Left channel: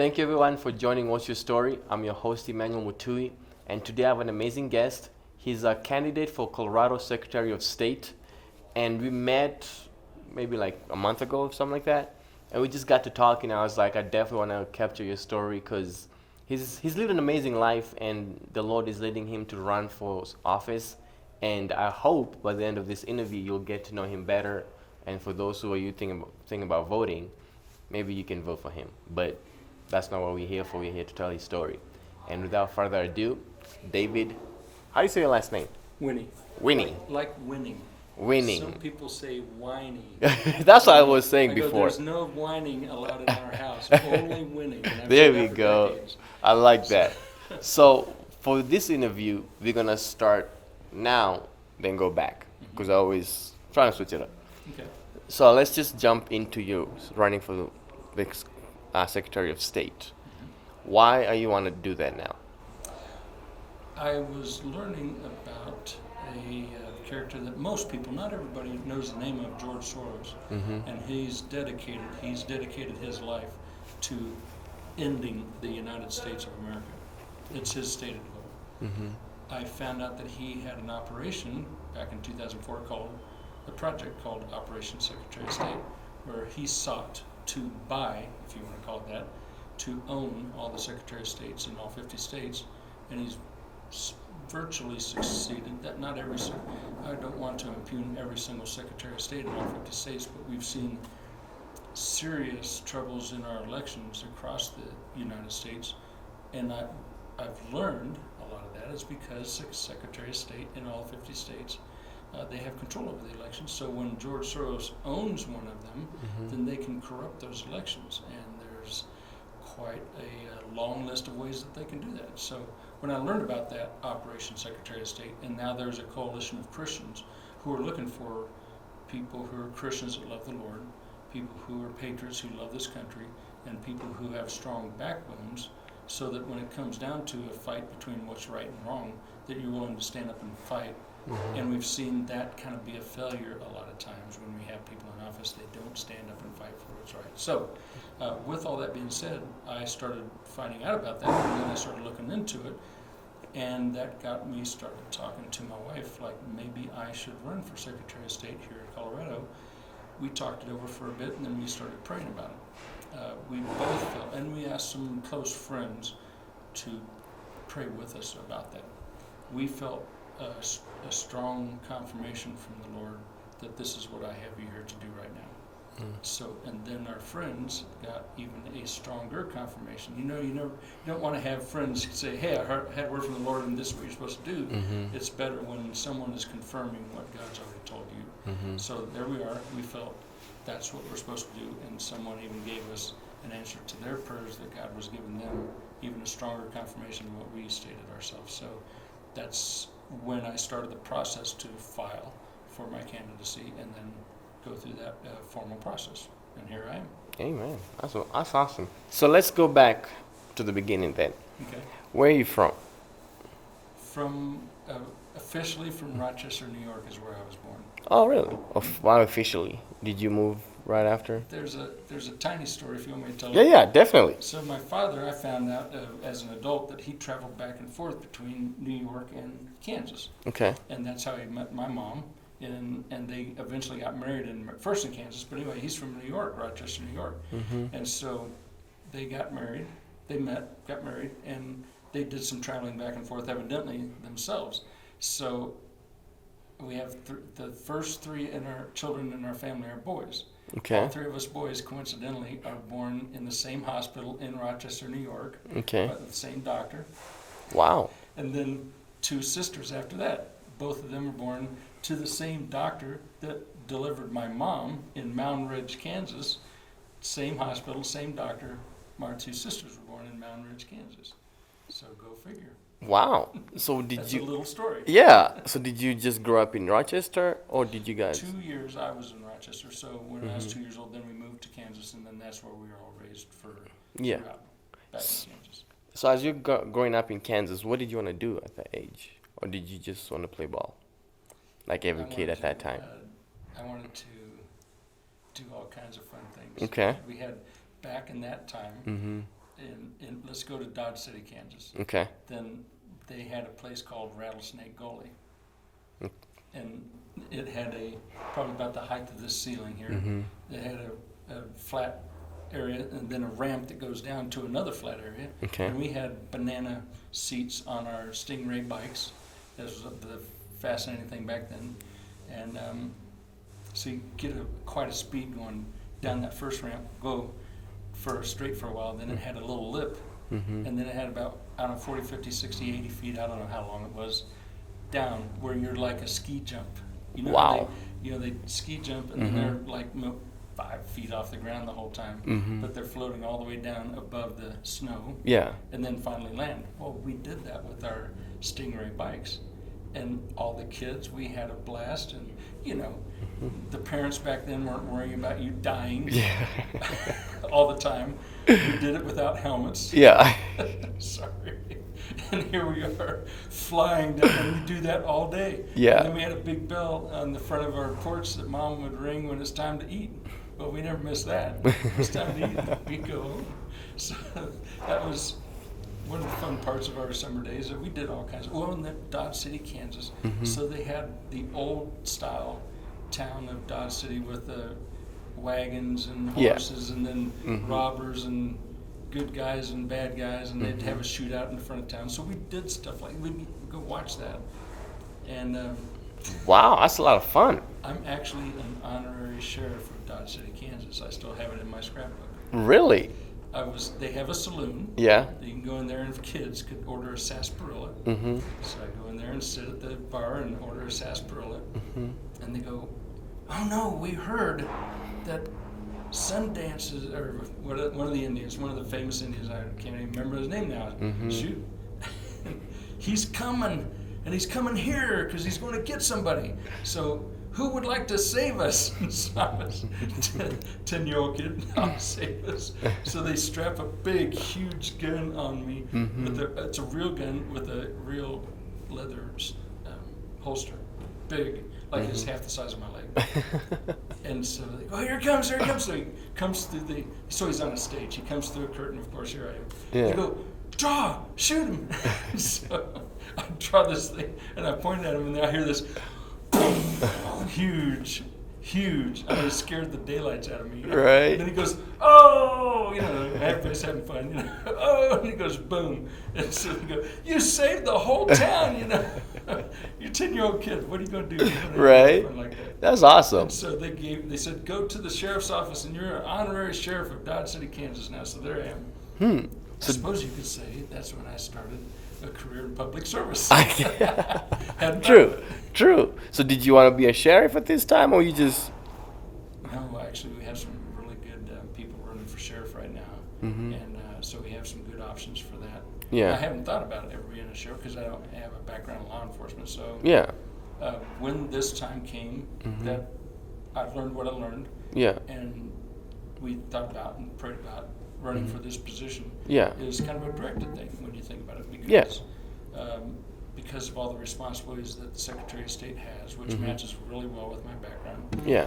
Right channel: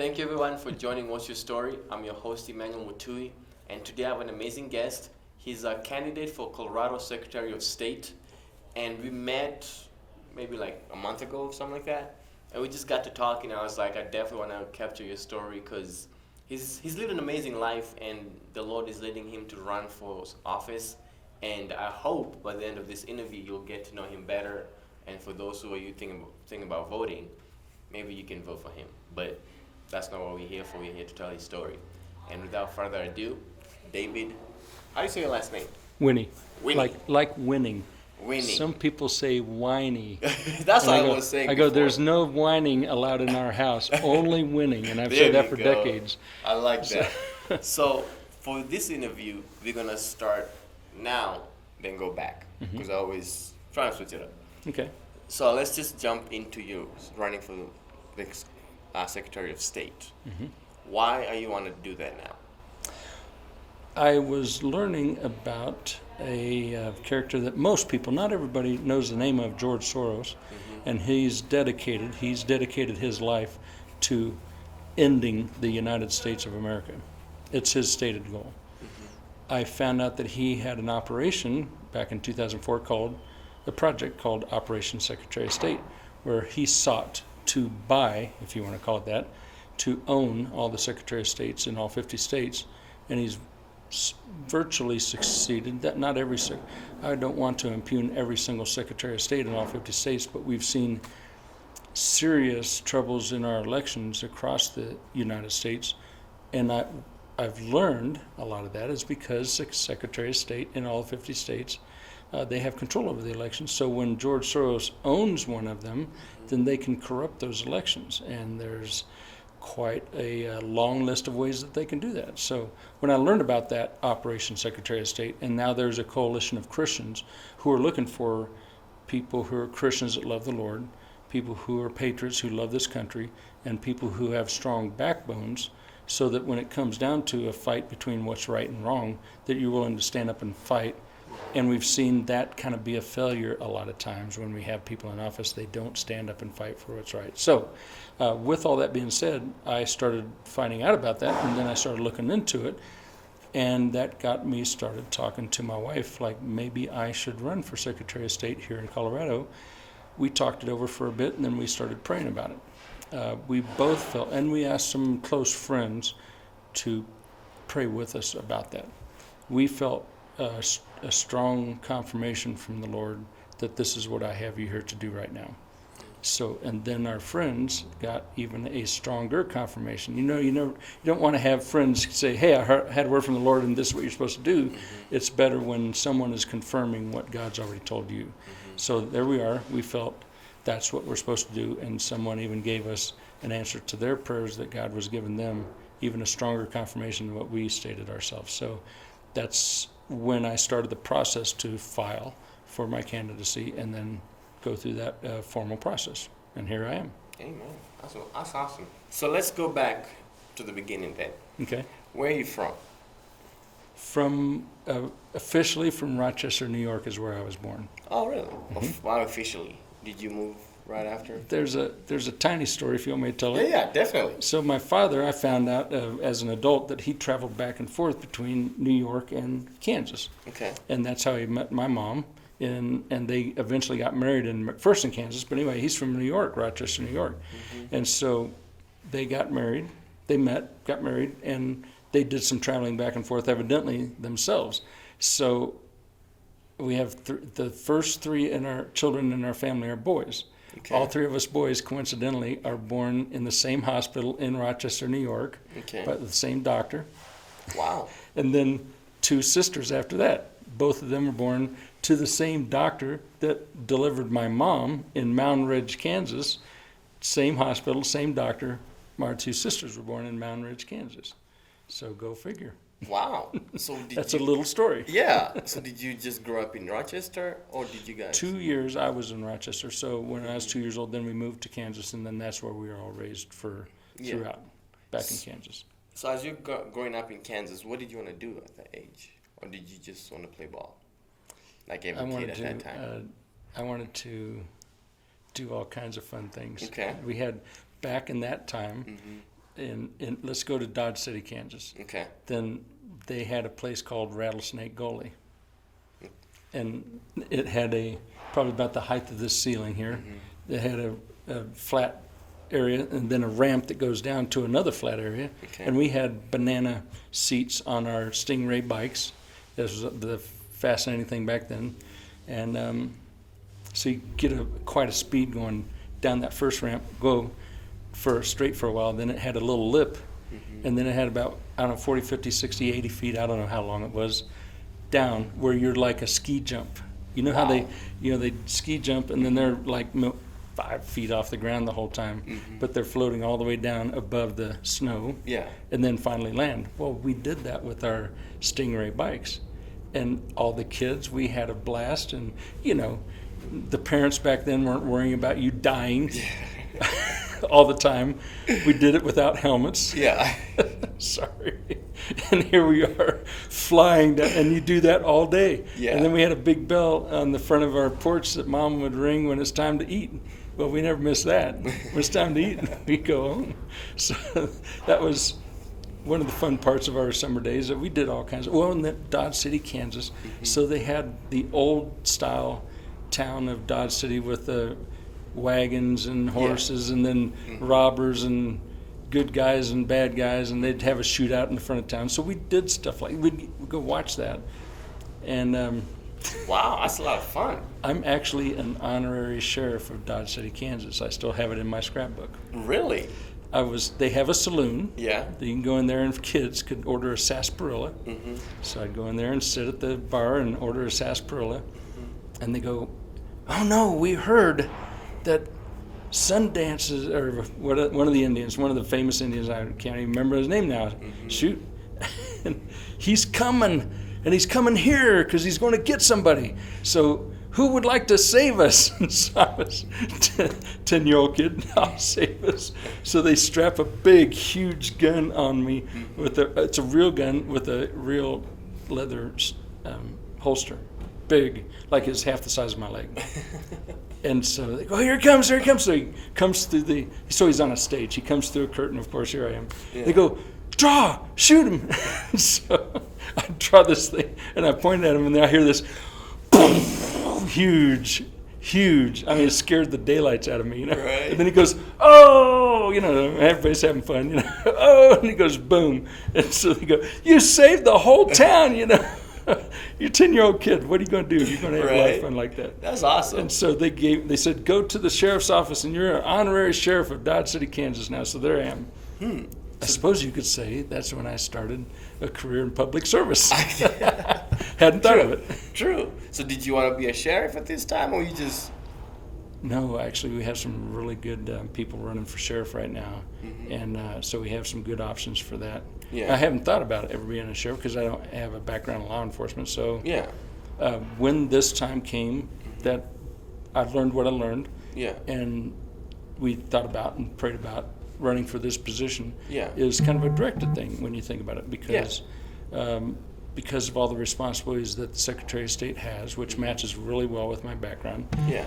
Thank you everyone for joining What's Your Story. I'm your host Emmanuel Mutui, and today I have an amazing guest. He's a candidate for Colorado Secretary of State, and we met maybe like a month ago or something like that, and we just got to talking. I was like, I definitely want to capture your story because he's lived an amazing life, and the Lord is leading him to run for office. And I hope by the end of this interview you'll get to know him better. And for those who are you thinking about voting, maybe you can vote for him. But that's not what we're here for. We're here to tell his story. And without further ado, David, how do you say your last name? Winnie. Winnie. Like winning. Winnie. Some people say whiny. That's what I was saying I before. go, there's no whining allowed in our house, only winning. And I've There said that we for go. decades. I like that. So for this interview, we're going to start now, then go back. Because I always try to switch it up. Okay. So let's just jump into you running for the Secretary of State. Why are you want to do that now? I was learning about a character that most people, not everybody knows the name of, George Soros. And he's dedicated his life to ending the United States of America. It's his stated goal. I found out that he had an operation back in 2004 called a project called Operation Secretary of State, where he sought to buy, if you want to call it that, to own all the Secretary of States in all 50 states, and he's virtually succeeded. That not every, I don't want to impugn every single Secretary of State in all 50 states, but we've seen serious troubles in our elections across the United States, and I've learned a lot of that is because Secretary of State in all 50 states, they have control over the elections. So when George Soros owns one of them, then they can corrupt those elections. And there's quite a long list of ways that they can do that. So when I learned about that Operation Secretary of State, and now there's a coalition of Christians who are looking for people who are Christians that love the Lord, people who are patriots who love this country, and people who have strong backbones, so that when it comes down to a fight between what's right and wrong, that you're willing to stand up and fight. And we've seen that kind of be a failure a lot of times when we have people in office. They don't stand up and fight for what's right. So with all that being said, I started finding out about that, and then I started looking into it, and that got me started talking to my wife, like maybe I should run for Secretary of State here in Colorado. We talked it over for a bit, and then we started praying about it. We both felt, and we asked some close friends to pray with us about that. We felt a strong confirmation from the Lord that this is what I have you here to do right now. So, and then our friends got even a stronger confirmation. You don't want to have friends say, "Hey, I had a word from the Lord, and this is what you're supposed to do." It's better when someone is confirming what God's already told you. So there we are. We felt that's what we're supposed to do, and someone even gave us an answer to their prayers that God was giving them, even a stronger confirmation than what we stated ourselves. So that's when I started the process to file for my candidacy and then go through that formal process. And here I am. Amen. That's awesome. So let's go back to the beginning then. Okay. Where are you from? Officially from Rochester, New York is where I was born. Oh, really? Why officially? Did you move right after? There's a tiny story if you want me to tell it. Yeah, definitely. So my father, I found out as an adult that he traveled back and forth between New York and Kansas. Okay. And that's how he met my mom. And they eventually got married first in Kansas. But anyway, he's from New York, Rochester, New York. And so they got married. They met, got married, and they did some traveling back and forth evidently themselves. So we have the first three in our children in our family are boys. Okay. All three of us boys, coincidentally, are born in the same hospital in Rochester, New York, Okay. by the same doctor. Wow. And then two sisters after that. Both of them were born to the same doctor that delivered my mom in Mountain Ridge, Kansas. Same hospital, same doctor. My two sisters were born in Mountain Ridge, Kansas. So go figure. Wow. So That's a little story. Yeah. So did you just grow up in Rochester, or did you guys? 2 years I was in Rochester. So when I was 2 years old, then we moved to Kansas, and then that's where we were all raised throughout, back in Kansas. So as you growing up in Kansas, what did you want to do at that age, or did you just want to play ball, like every kid at that time? I wanted to do all kinds of fun things. Okay. We had back in that time. let's go to Dodge City, Kansas. Okay. Then they had a place called Rattlesnake Gully. And it had probably about the height of this ceiling here. Mm-hmm. It had a flat area and then a ramp that goes down to another flat area. Okay. And we had banana seats on our Stingray bikes. This was the fascinating thing back then. And so you get quite a speed going down that first ramp, go straight for a while. Then it had a little lip. Mm-hmm. And then it had about, 40, 50, 60, 80 feet, I don't know how long it was, down where you're like a ski jump. You know how they ski jump and then they're like 5 feet off the ground the whole time, but they're floating all the way down above the snow. Yeah. And then finally land. Well, we did that with our Stingray bikes, and all the kids, we had a blast, and the parents back then weren't worrying about you dying all the time. We did it without helmets. Yeah. Sorry. And here we are flying down, and you do that all day. Yeah. And then we had a big bell on the front of our porch that Mom would ring when it's time to eat. Well, we never missed that. When it's time to eat, we go home. So that was one of the fun parts of our summer days, that we did all kinds of, in Dodge City, Kansas. So they had the old style town of Dodge City with the wagons and horses, and then robbers and good guys and bad guys, and they'd have a shootout in the front of town. So we did stuff like, we'd go watch that. And wow, that's a lot of fun. I'm actually an honorary sheriff of Dodge City, Kansas. I still have it in my scrapbook. Really? They have a saloon. Yeah. You can go in there, and kids could order a sarsaparilla. So I'd go in there and sit at the bar and order a sarsaparilla. And they go, "Oh no, we heard that Sundance's," or one of the Indians, one of the famous Indians, I can't even remember his name now. Shoot. And he's coming, and he's coming here because he's going to get somebody. So who would like to save us? And so I was 10-year-old kid, I'll save us. So they strap a big, huge gun on me. It's a real gun with a real leather holster. Big, like it's half the size of my leg. And so they go, here he comes. So he comes through so he's on a stage. He comes through a curtain, of course, here I am. Yeah. They go, draw, shoot him. So I draw this thing, and I point at him, and then I hear this boom, huge. I mean, it scared the daylights out of me. Right. And then he goes, oh, everybody's having fun, oh, and he goes, boom. And so they go, you saved the whole town, You're a 10-year-old kid. What are you going to do? You're going to have a lot of fun like that. That's awesome. And so they said, go to the sheriff's office, and you're an honorary sheriff of Dodge City, Kansas now. So there I am. I suppose you could say that's when I started a career in public service. Hadn't thought of it. True. So did you want to be a sheriff at this time, or you just... No, actually, we have some really good people running for sheriff right now. And so we have some good options for that. Yeah. I haven't thought about ever being a sheriff because I don't have a background in law enforcement. So when this time came, that I learned what I learned. Yeah. And we thought about and prayed about running for this position. Yeah. Is kind of a directed thing when you think about it, because of all the responsibilities that the Secretary of State has, which matches really well with my background. Yeah.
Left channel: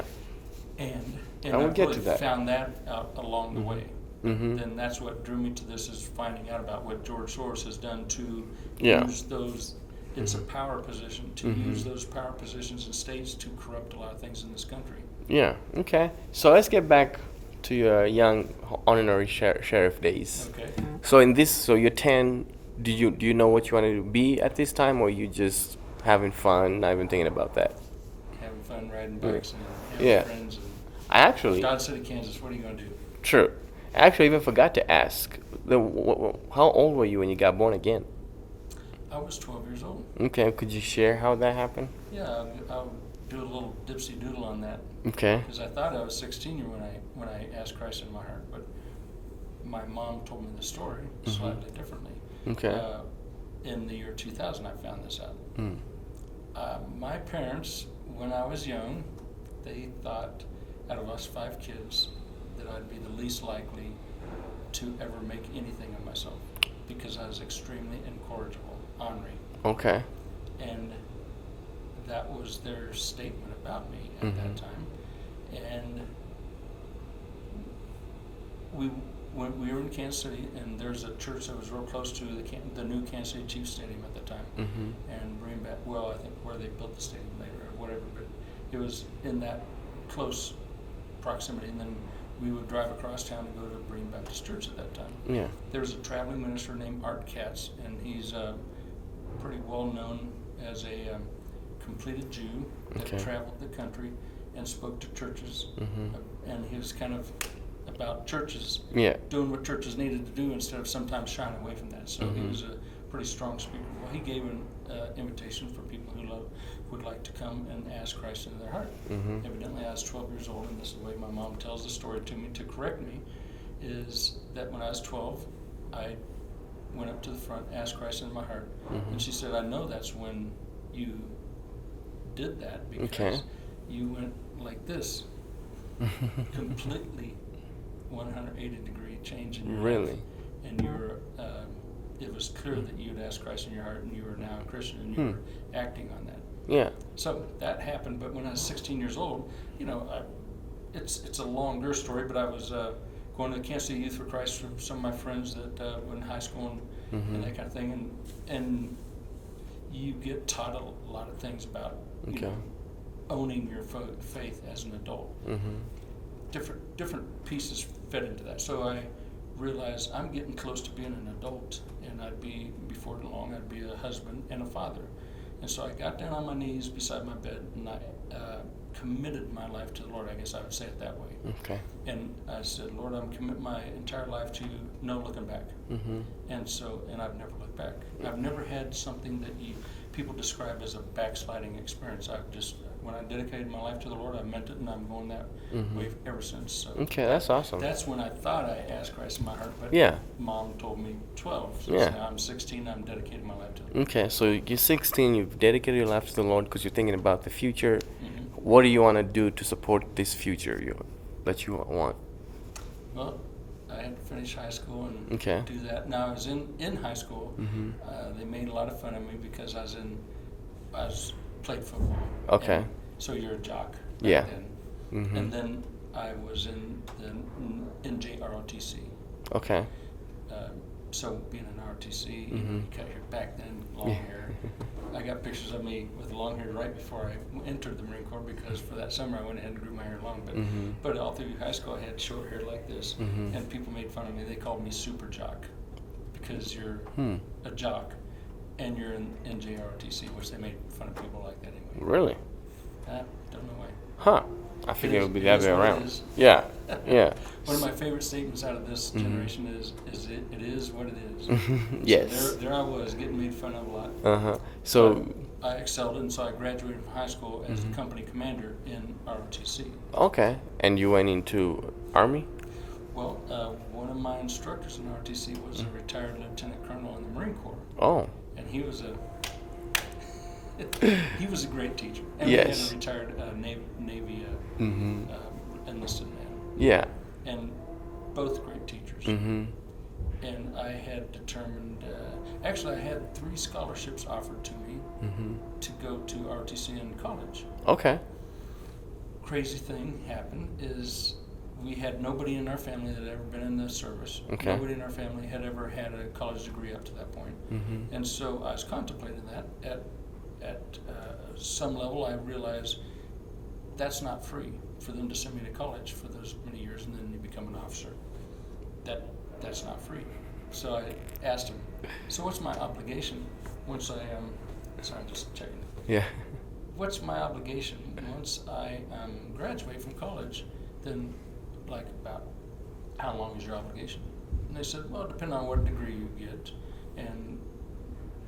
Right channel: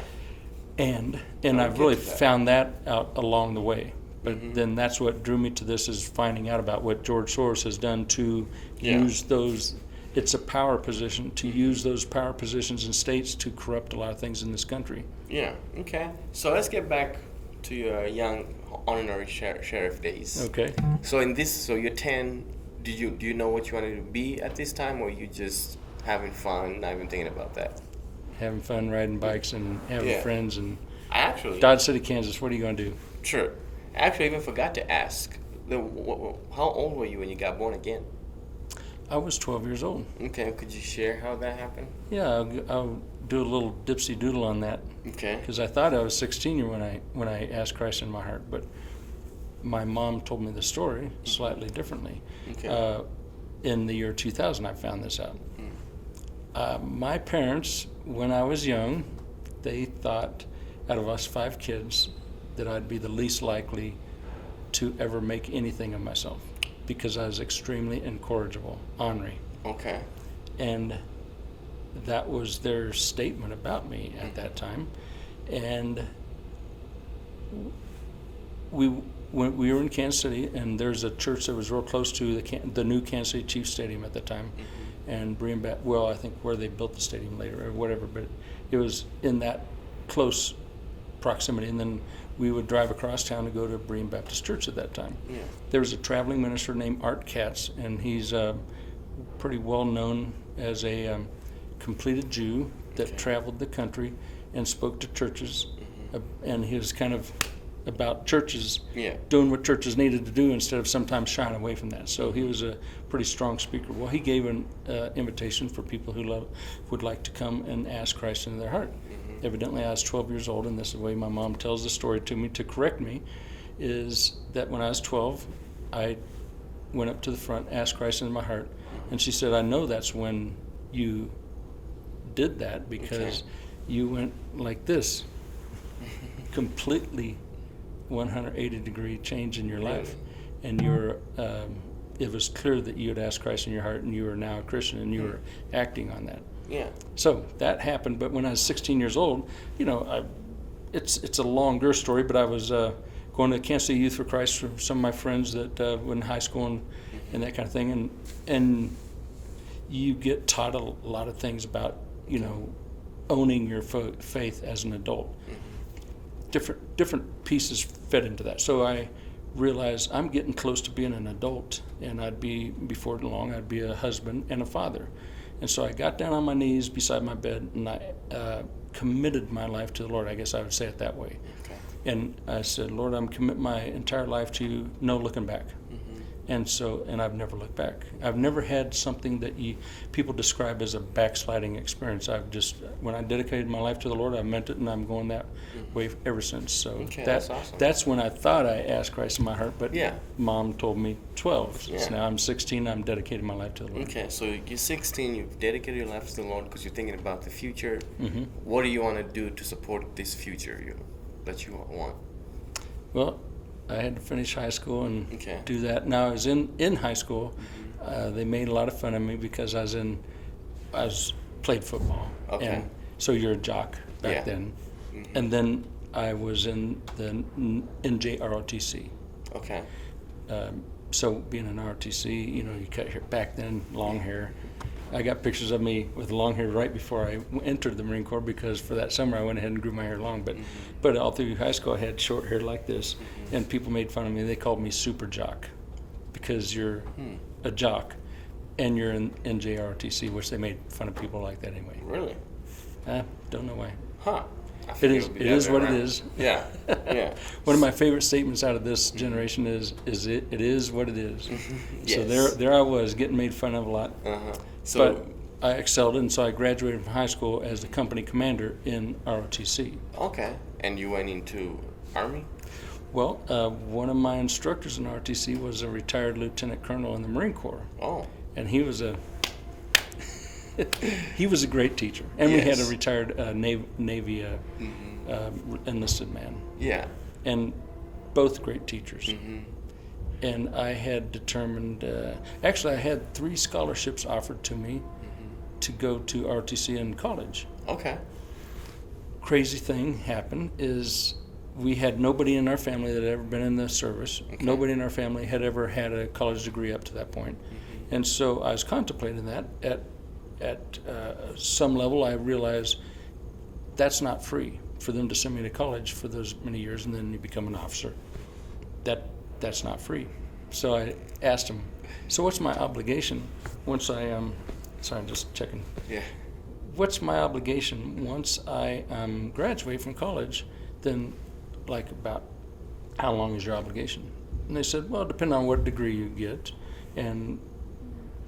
And I've really found that out along the way. But then that's what drew me to this, is finding out about what George Soros has done to use those. It's a power position, to use those power positions in states to corrupt a lot of things in this country. Yeah. Okay. So let's get back to your young honorary sheriff days. Okay. So you're 10. Do you know what you wanted to be at this time, or you just having fun, not even thinking about that? Having fun, riding bikes and having friends. And Dodge City, Kansas, what are you going to do? True. I actually even forgot to ask, how old were you when you got born again? I was 12 years old. Okay, could you share how that happened? Yeah, I'll do a little dipsy doodle on that. Okay. Because I thought I was 16 when I asked Christ in my heart, but my mom told me the story slightly differently. Okay. In the year 2000, I found this out. My parents, when I was young, they thought, out of us 5 kids, that I'd be the least likely to ever make anything of myself, because I was extremely incorrigible, ornery. Okay. And that was their statement about me at that time. And when we were in Kansas City, and there's a church that was real close to the new Kansas City Chiefs Stadium at the time, and well, I think where they built the stadium later or whatever, but it was in that close proximity. And then we would drive across town to go to Berean Baptist Church at that time. Yeah. There was a traveling minister named Art Katz, and he's pretty well known as a completed Jew that traveled the country and spoke to churches, and he was kind of about churches doing what churches needed to do instead of sometimes shying away from that. So he was a pretty strong speaker. Well, he gave an invitation for people who would like to come and ask Christ into their heart. Evidently, I was 12 years old, and this is the way my mom tells the story to me to correct me, is that when I was 12, I went up to the front, asked Christ into my heart, and she said, I know that's when you did that because you went like this, completely 180-degree change in your life, and it was clear that you had asked Christ in your heart, and you were now a Christian, and you were acting on that. Yeah. So that happened, but when I was 16 years old, it's a longer story, but I was going to Kansas City Youth for Christ from some of my friends that were in high school and that kind of thing, and you get taught a lot of things about owning your faith as an adult. Different pieces fed into that. So I realized I'm getting close to being an adult, and before long I'd be a husband and a father. And so I got down on my knees beside my bed, and I committed my life to the Lord. I guess I would say it that way. And I said, Lord, I'm committing my entire life to you, no looking back. And I've never looked back. I've never had something that people describe as a backsliding experience. When I dedicated my life to the Lord, I meant it, and I'm going that way ever since. So that's awesome. That's when I thought I asked Christ in my heart, but Mom told me 12. So now I'm 16, I'm dedicating my life to the Lord. Okay, so you're 16, you've dedicated your life to the Lord because you're thinking about the future. What do you want to do to support this future that you want? Well, I had to finish high school and do that. Now I was in high school. They made a lot of fun of me because I played football. And so you're a jock back then. And then I was in the NJROTC. So being an ROTC, you cut hair back then, long hair. I got pictures of me with long hair right before I entered the Marine Corps, because for that summer I went ahead and grew my hair long. But all through high school I had short hair like this, and people made fun of me. They called me super jock because you're a jock and you're in NJROTC, which they made fun of people like that anyway. Really? I don't know why. Huh. I think it would be that way around. It is. Yeah. Yeah. One of my favorite statements out of this generation is it is what it is. Yes. So there I was getting made fun of a lot. So but I excelled, and so I graduated from high school as the company commander in ROTC. Okay. And you went into Army? Well, one of my instructors in ROTC was a retired lieutenant colonel in the Marine Corps. Oh. And he was a great teacher, and we had a retired Navy enlisted man. Yeah, and both great teachers. And I had determined, actually, I had 3 scholarships offered to me to go to ROTC in college. Okay. Crazy thing happened is we had nobody in our family that had ever been in the service. Nobody in our family had ever had a college degree up to that point. And so I was contemplating that. At some level, I realized that's not free for them to send me to college for those many years, and then you become an officer. That's not free. So I asked him, so what's my obligation once I sorry, I'm just checking. Yeah. What's my obligation once I graduate from college? Then, like, about how long is your obligation? And they said, well, depending on what degree you get, and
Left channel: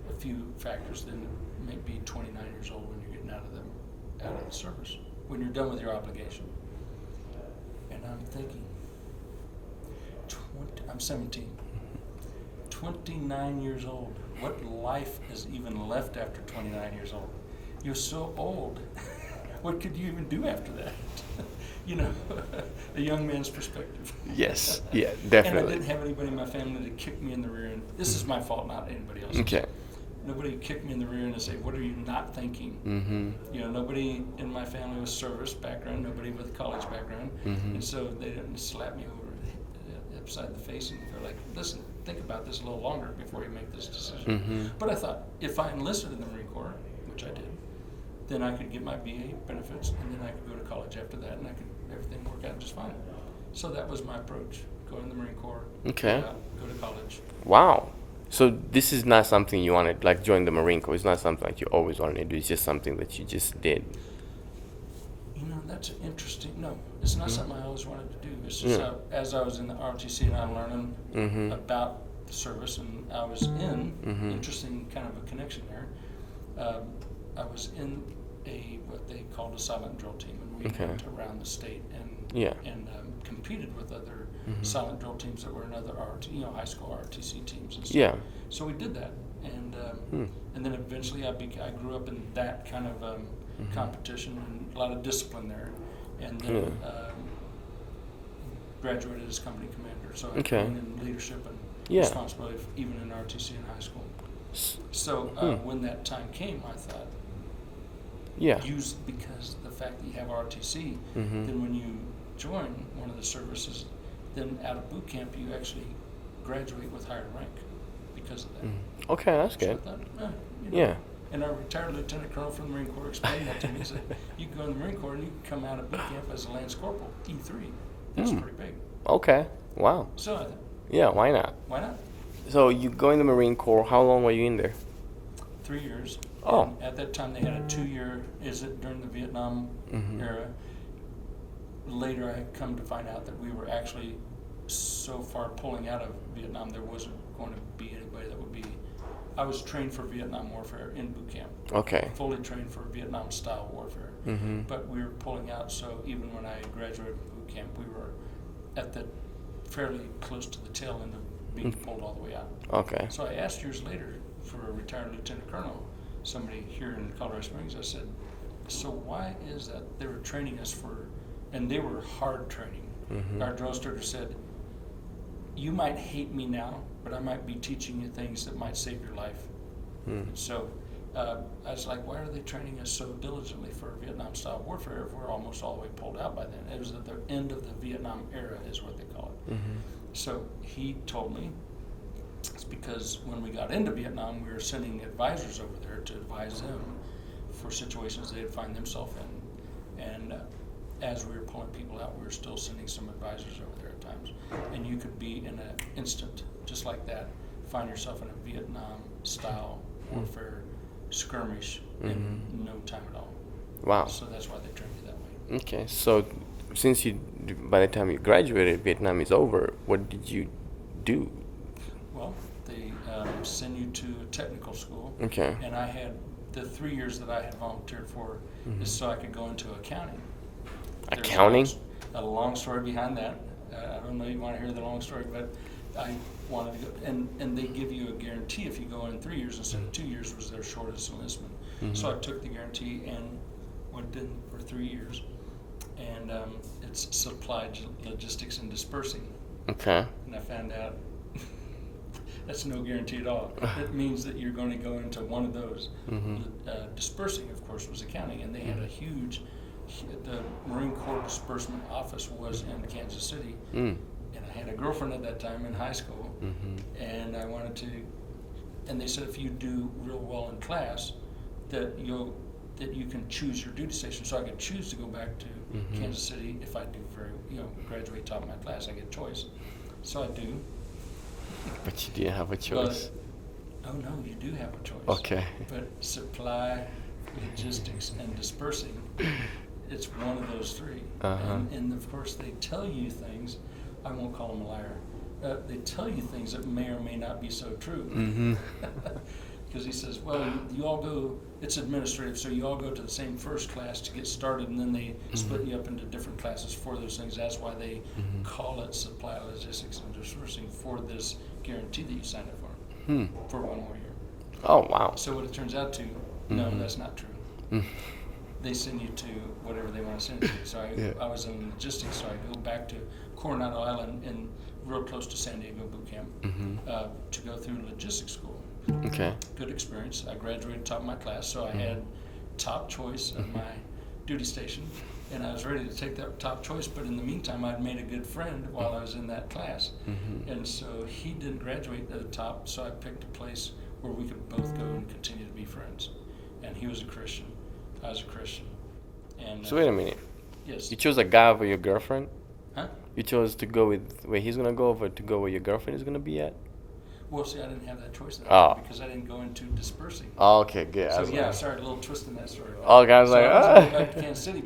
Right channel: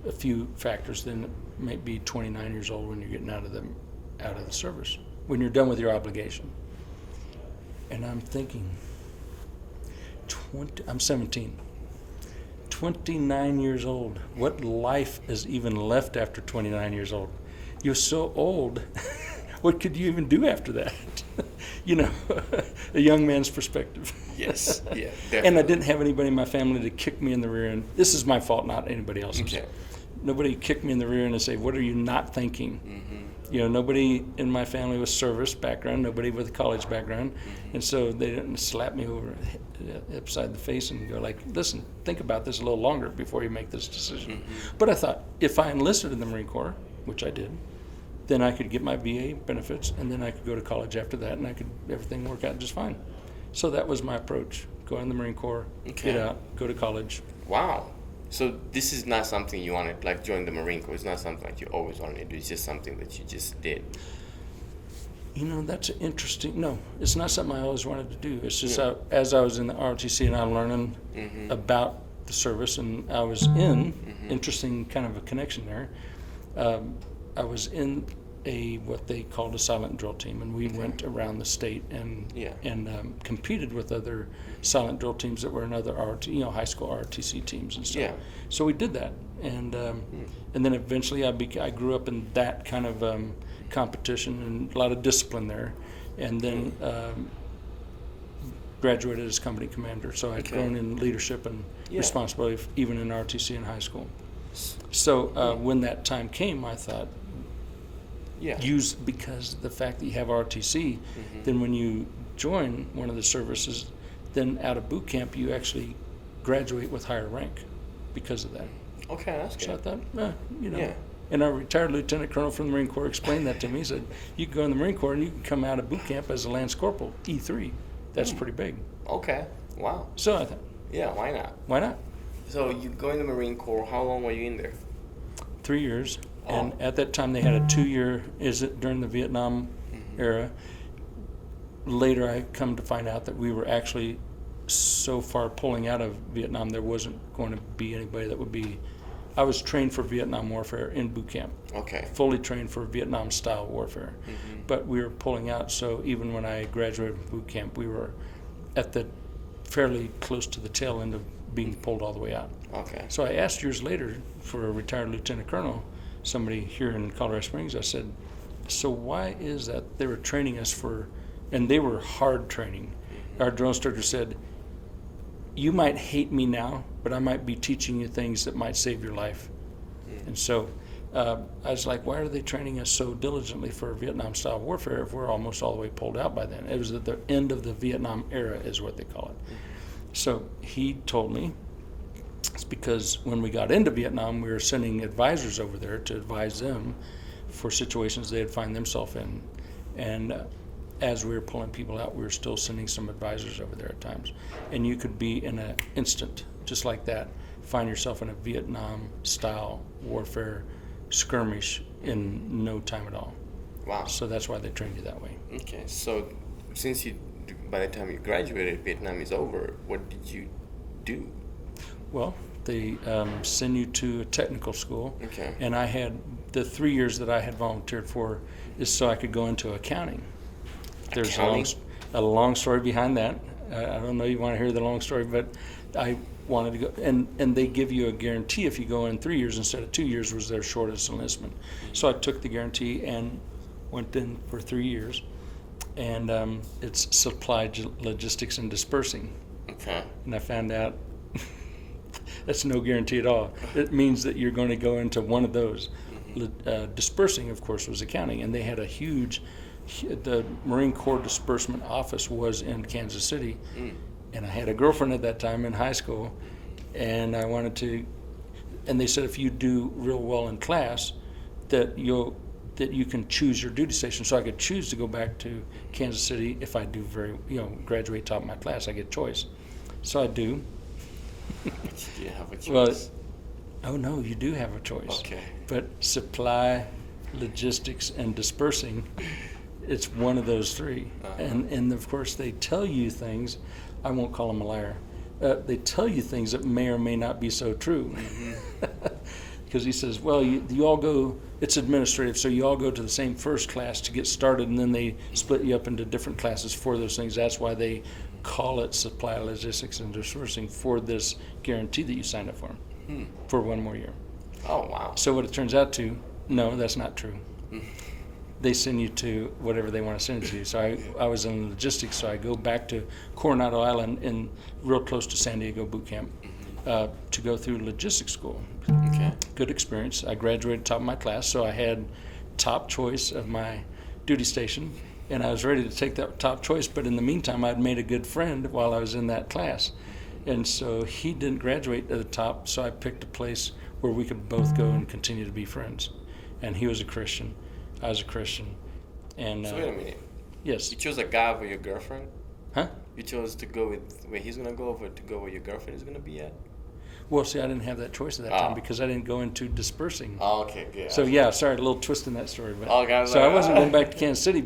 a few factors, then it may be 29 years old when you're getting out of the service, when you're done with your obligation. And I'm thinking, I'm 17, 29 years old. What life is even left after 29 years old? You're so old. What could you even do after that? A young man's perspective. Yes, yeah, definitely. And I didn't have anybody in my family to kick me in the rear end. This is my fault, not anybody else's. Okay. Nobody kicked me in the rear end and say, what are you not thinking? Nobody in my family with service background, nobody with a college background. And so they didn't slap me over upside the face and go like, listen, think about this a little longer before you make this decision. Mm-hmm. But I thought, if I enlisted in the Marine Corps, which I did, then I could get my VA benefits, and then I could go to college after that, and everything work out just fine. So that was my approach: go in the Marine Corps, get out, go to college. Wow. So this is not something you wanted, like join the Marine Corps. It's not something like you always wanted to do. It's just something that you just did. That's interesting. No, it's not something I always wanted to do. It's just as I was in the ROTC and I'm learning about the service, and I was in, interesting kind of a connection there. I was in what they called a silent drill team, and we went around the state and competed with other silent drill teams that were in other high school ROTC teams and stuff. Yeah. So we did that, and then eventually I grew up in that kind of competition and a lot of discipline there, and then graduated as company commander. So I've grown in leadership and responsibility, even in ROTC in high school. So when that time came, I thought, because the fact that you have ROTC, then when you join one of the services, then out of boot camp you actually graduate with higher rank because of that. Okay, that's good. So I thought, And our retired lieutenant colonel from the Marine Corps explained that to me. He said, you can go in the Marine Corps and you can come out of boot camp as a Lance Corporal, E3. That's pretty big. Okay, wow. So I thought, why not? Why not? So you go in the Marine Corps. How long were you in there? 3 years. Oh. And at that time they had a 2-year, during the Vietnam era. Later I come to find out that we were actually so far pulling out of Vietnam, there wasn't going to be anybody that would be. I was trained for Vietnam warfare in boot camp. Okay. Fully trained for Vietnam style warfare. But we were pulling out, so even when I graduated from boot camp, we were at the fairly close to the tail end of being pulled all the way out. Okay. So I asked years later for a retired lieutenant colonel, somebody here in Colorado Springs, I said, so why is that they were training us for, and they were hard training. Our drill instructor said, you might hate me now, but I might be teaching you things that might save your life. And so I was like, why are they training us so diligently for Vietnam style warfare if we're almost all the way pulled out by then? It was at the end of the Vietnam era is what they call it. So he told me it's because when we got into Vietnam, we were sending advisors over there to advise them for situations they'd find themselves in. And as we were pulling people out, we were still sending some advisors over there at times. And you could be in an instant, just like that, find yourself in a Vietnam-style warfare skirmish in no time at all. Wow. So that's why they trained you that way. Okay, so since by the time you graduated, Vietnam is over, what did you do? Well, they send you to a technical school. Okay. And I had, the 3 years that I had volunteered for is so I could go into accounting. There's Accounting? A long story behind that. I don't know you want to hear the long story, but I wanted to go, and they give you a guarantee if you go in 3 years instead of 2 years was their shortest enlistment. So I took the guarantee and went in for 3 years, and it's supply logistics and dispersing. Okay. And I found out that's no guarantee at all. It means that you're going to go into one of those. Dispersing, of course, was accounting, and they had a huge. The Marine Corps disbursement office was in Kansas City, and I had a girlfriend at that time in high school, and I wanted to, and they said if you do real well in class, that you can choose your duty station. So I could choose to go back to Kansas City if I do graduate top of my class. I get choice, so I do. But you didn't have a choice. Oh no, you do have a choice. Okay. But supply, logistics, and dispersing. It's one of those three. And of course they tell you things, I won't call them a liar, they tell you things that may or may not be so true. Because he says, well, you all go, it's administrative, so you all go to the same first class to get started, and then they split you up into different classes for those things. That's why they call it supply, logistics, and dispersing for this guarantee that you signed up for 1 more year. Oh, wow. So what it turns out to, no, that's not true. They send you to whatever they want to send you to. So I was in logistics, so I go back to Coronado Island in real close to San Diego boot camp to go through logistics school. Okay. Good experience. I graduated top of my class, so I had top choice of my duty station. and I was ready to take that top choice, but in the meantime, I'd made a good friend while I was in that class. And so he didn't graduate at the top, so I picked a place where we could both go and continue to be friends. And he was a Christian, I was a Christian. And So wait a minute. yes. You chose a guy over your girlfriend? Huh? You chose to go with where he's gonna go over to go where your girlfriend is gonna be at? Well, see, I didn't have that choice at that Oh. time because I didn't go into dispersing. Oh, okay, good. So yeah, sorry, a little twist in that story. But, Oh, guys, so like, I wasn't going back to Kansas City.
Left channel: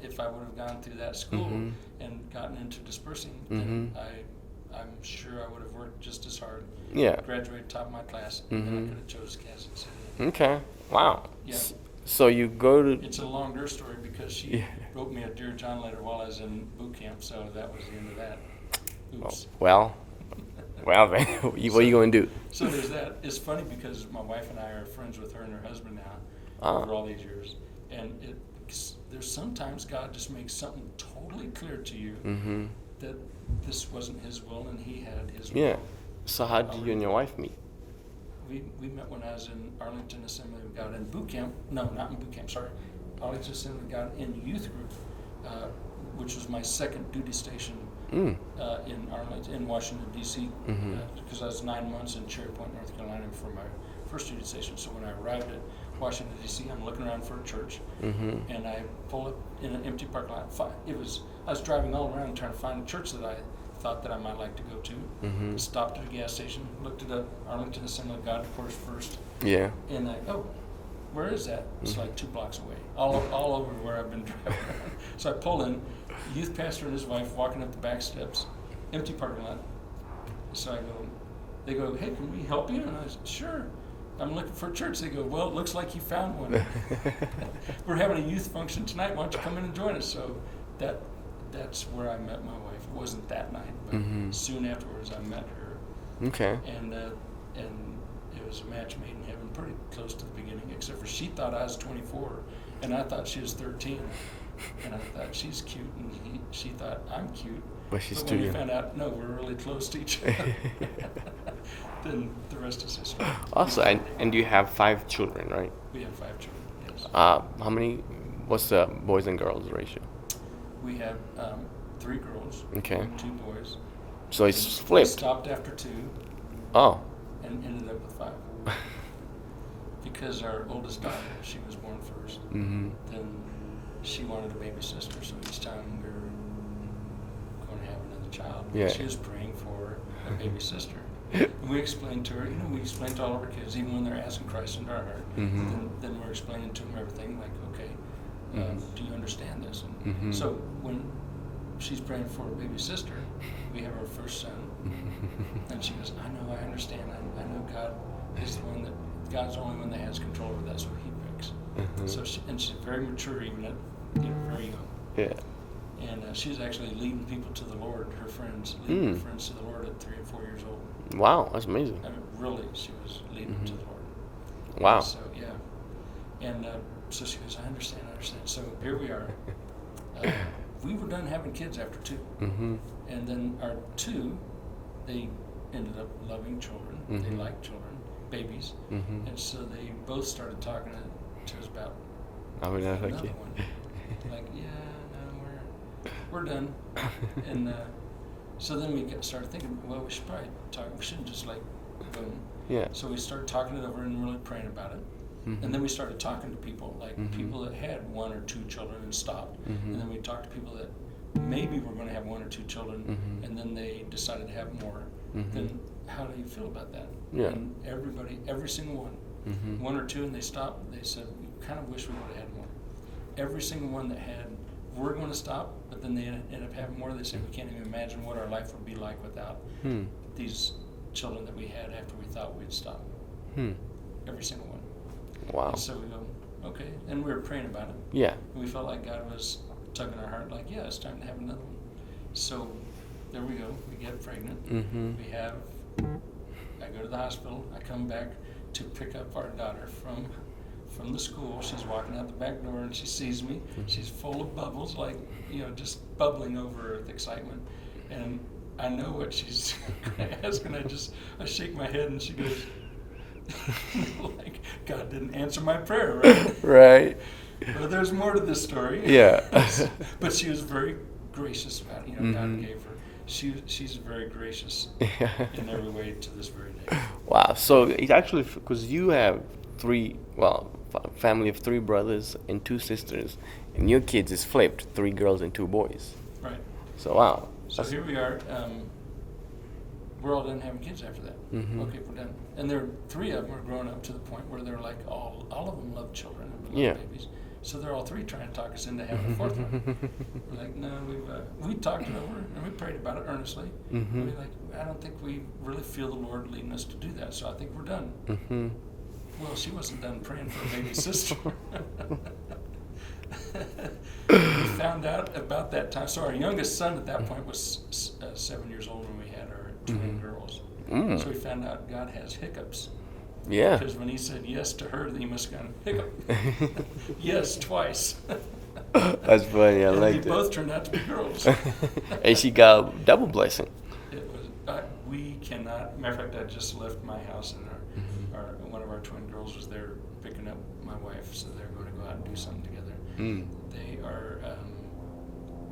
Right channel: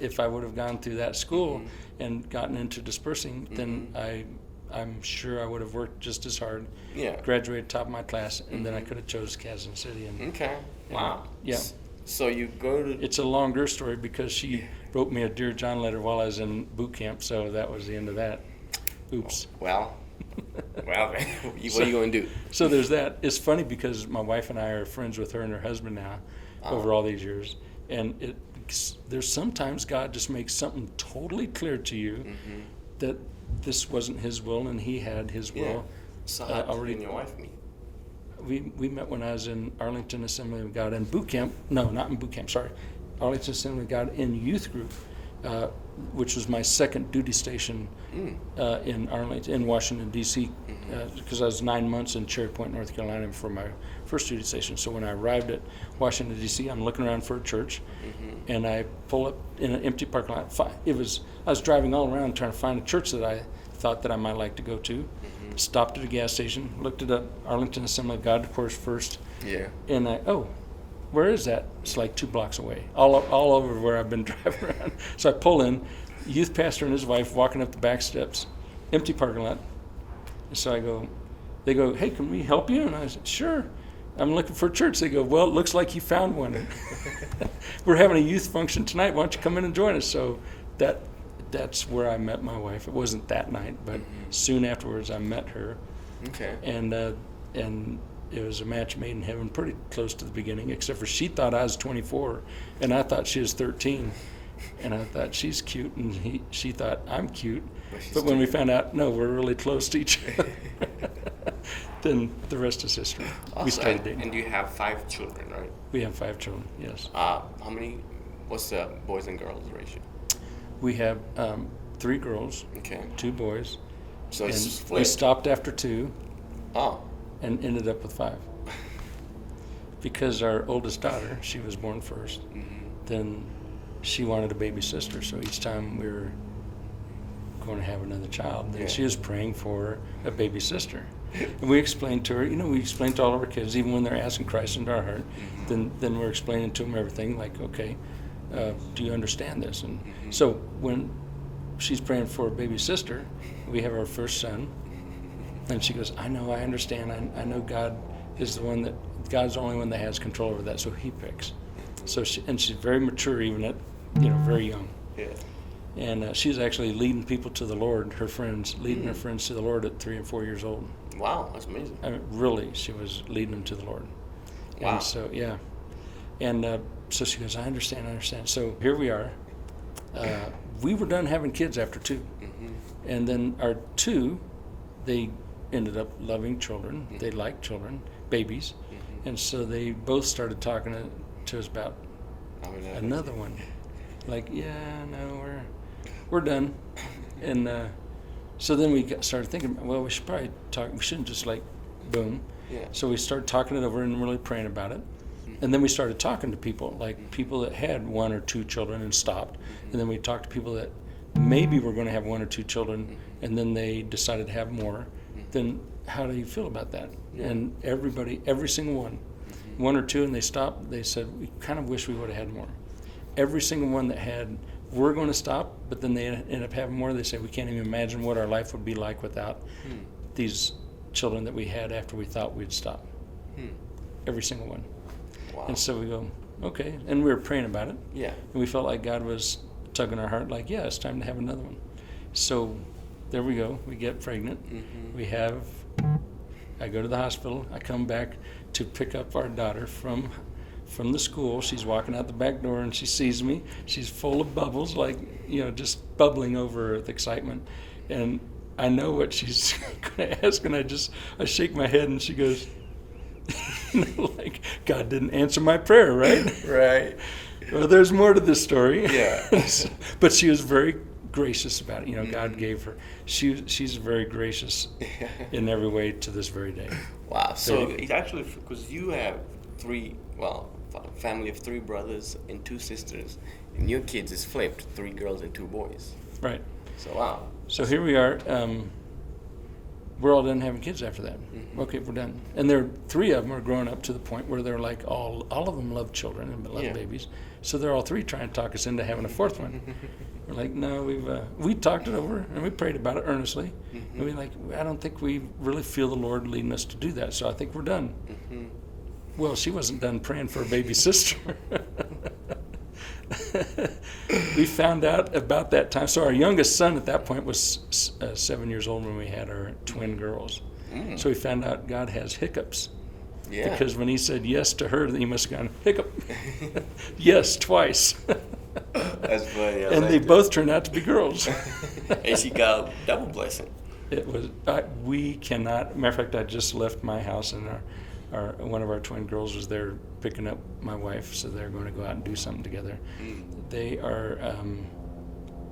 If I would have gone through that school and gotten into dispersing, then I'm sure I would have worked just as hard. Yeah. Graduated top of my class, and then I could have chose Kansas City. And Okay. Wow. yeah, So you go to. it's a longer story because she wrote me a Dear John letter while I was in boot camp. So that was the end of that. Oops. Well, man. What are you gonna do? So there's that. It's funny because my wife and I are friends with her and her husband now over all these years. And there's sometimes God just makes something totally clear to you that this wasn't his will and he had his will. Yeah. So how did you and your wife meet? We met when I was in Arlington Assembly of God in boot camp. No, not in boot camp, sorry. Arlington Assembly of God in youth group, which was my second duty station in Arlington, in Washington, D.C., because I was 9 months in Cherry Point, North Carolina for my first duty station. So when I arrived at Washington, D.C., I'm looking around for a church, and I pull up in an empty parking lot. I was driving all around trying to find a church that I thought that I might like to go to. Stopped at a gas station, looked it up, Arlington Assembly of God, of course, first. Yeah. And where is that? It's like 2 blocks away, all over where I've been driving around. So I pull in, youth pastor and his wife walking up the back steps, empty parking lot. So they go, hey, can we help you? And I said, sure. I'm looking for a church. They go, well, it looks like you found one. We're having a youth function tonight. Why don't you come in and join us? So that's where I met my wife. It wasn't that night, but soon afterwards I met her. Okay. And it was a match made in heaven pretty close to the beginning, except for she thought I was 24 and I thought she was 13. And I thought she's cute and she thought I'm cute. But when we found out, no, we're really close to each other, then the rest is history. Also, and you have 5 children, right? We have 5 children, yes. How many, what's the boys and girls ratio? We have 3 girls, Okay. 2 boys. So it's We split. stopped after 2 Oh. and ended up with 5. Because our oldest daughter, she was born first. Then she wanted a baby sister, so each time we were going to have another child, she was praying for a baby sister. And we explained to her, we explained to all of our kids, even when they're asking Christ into our heart, then we're explaining to them everything, like, okay, do you understand this? And so when she's praying for a baby sister, we have our first son, and she goes, I know, I understand, I know God is the one God's the only one that has control over that, so he picks. So she's very mature, even at, very young. Yeah. And she's actually leading people to the Lord, her friends, leading her friends to the Lord at 3 and 4 years old. Wow, that's amazing. I mean, really, she was leading them to the Lord. Wow. And so, yeah. And so she goes, I understand. So here we are. We were done having kids after 2. And then our 2, they ended up loving children. They liked children, babies. And so they both started talking to us about another one. Like, yeah, no, we're done. And so then we started thinking, well, we should probably talk. We shouldn't just like, boom. Yeah. So we started talking it over and really praying about it. And then we started talking to people, like people that had 1 or 2 children and stopped. And then we talked to people that maybe were going to have 1 or 2 children, and then they decided to have more. Then how do you feel about that? Yeah. And every single one, 1 or 2, and they stopped. They said, we kind of wish we would have had more. Every single one that had, we're going to stop, but then they end up having more. They say, we can't even imagine what our life would be like without these children that we had after we thought we'd stop. Every single one. Wow. And so we go, okay. And we were praying about it. Yeah. And we felt like God was tugging our heart, like, yeah, it's time to have another one. So there we go. We get pregnant. I go to the hospital. I come back to pick up our daughter from the school. She's walking out the back door and she sees me. She's full of bubbles, like, just bubbling over with excitement. And I know what she's going to ask, and I shake my head, and she goes, Like, God didn't answer my prayer, right? Right. Well, there's more to this story. Yeah. But she was very gracious about it. You know, God gave her. She's very gracious in every way to this very day. Wow. So it actually, because you have family of 3 brothers and 2 sisters, and your kids is flipped, 3 girls and 2 boys. Right. So wow. So here we are. We're all done having kids after that. Okay, we're done. And there, 3 of them are growing up to the point where they're like, all of them love children and love babies. So they're all 3 trying to talk us into having a 4th one. We're like, no, we talked it over and we prayed about it earnestly. And we're like, I don't think we really feel the Lord leading us to do that. So I think we're done. Well, she wasn't done praying for a baby sister. We found out about that time. So our youngest son at that point was 7 years old when we had our twin girls. So we found out God has hiccups. Yeah. Because when he said yes to her, he must have gone, hiccup. Yes, twice. That's funny. And they both turned out to be girls. And she got double blessing. It was, we cannot, matter of fact, I just left my house and one of our twin girls was there picking up my wife, so they're going to go out and do something together. They are,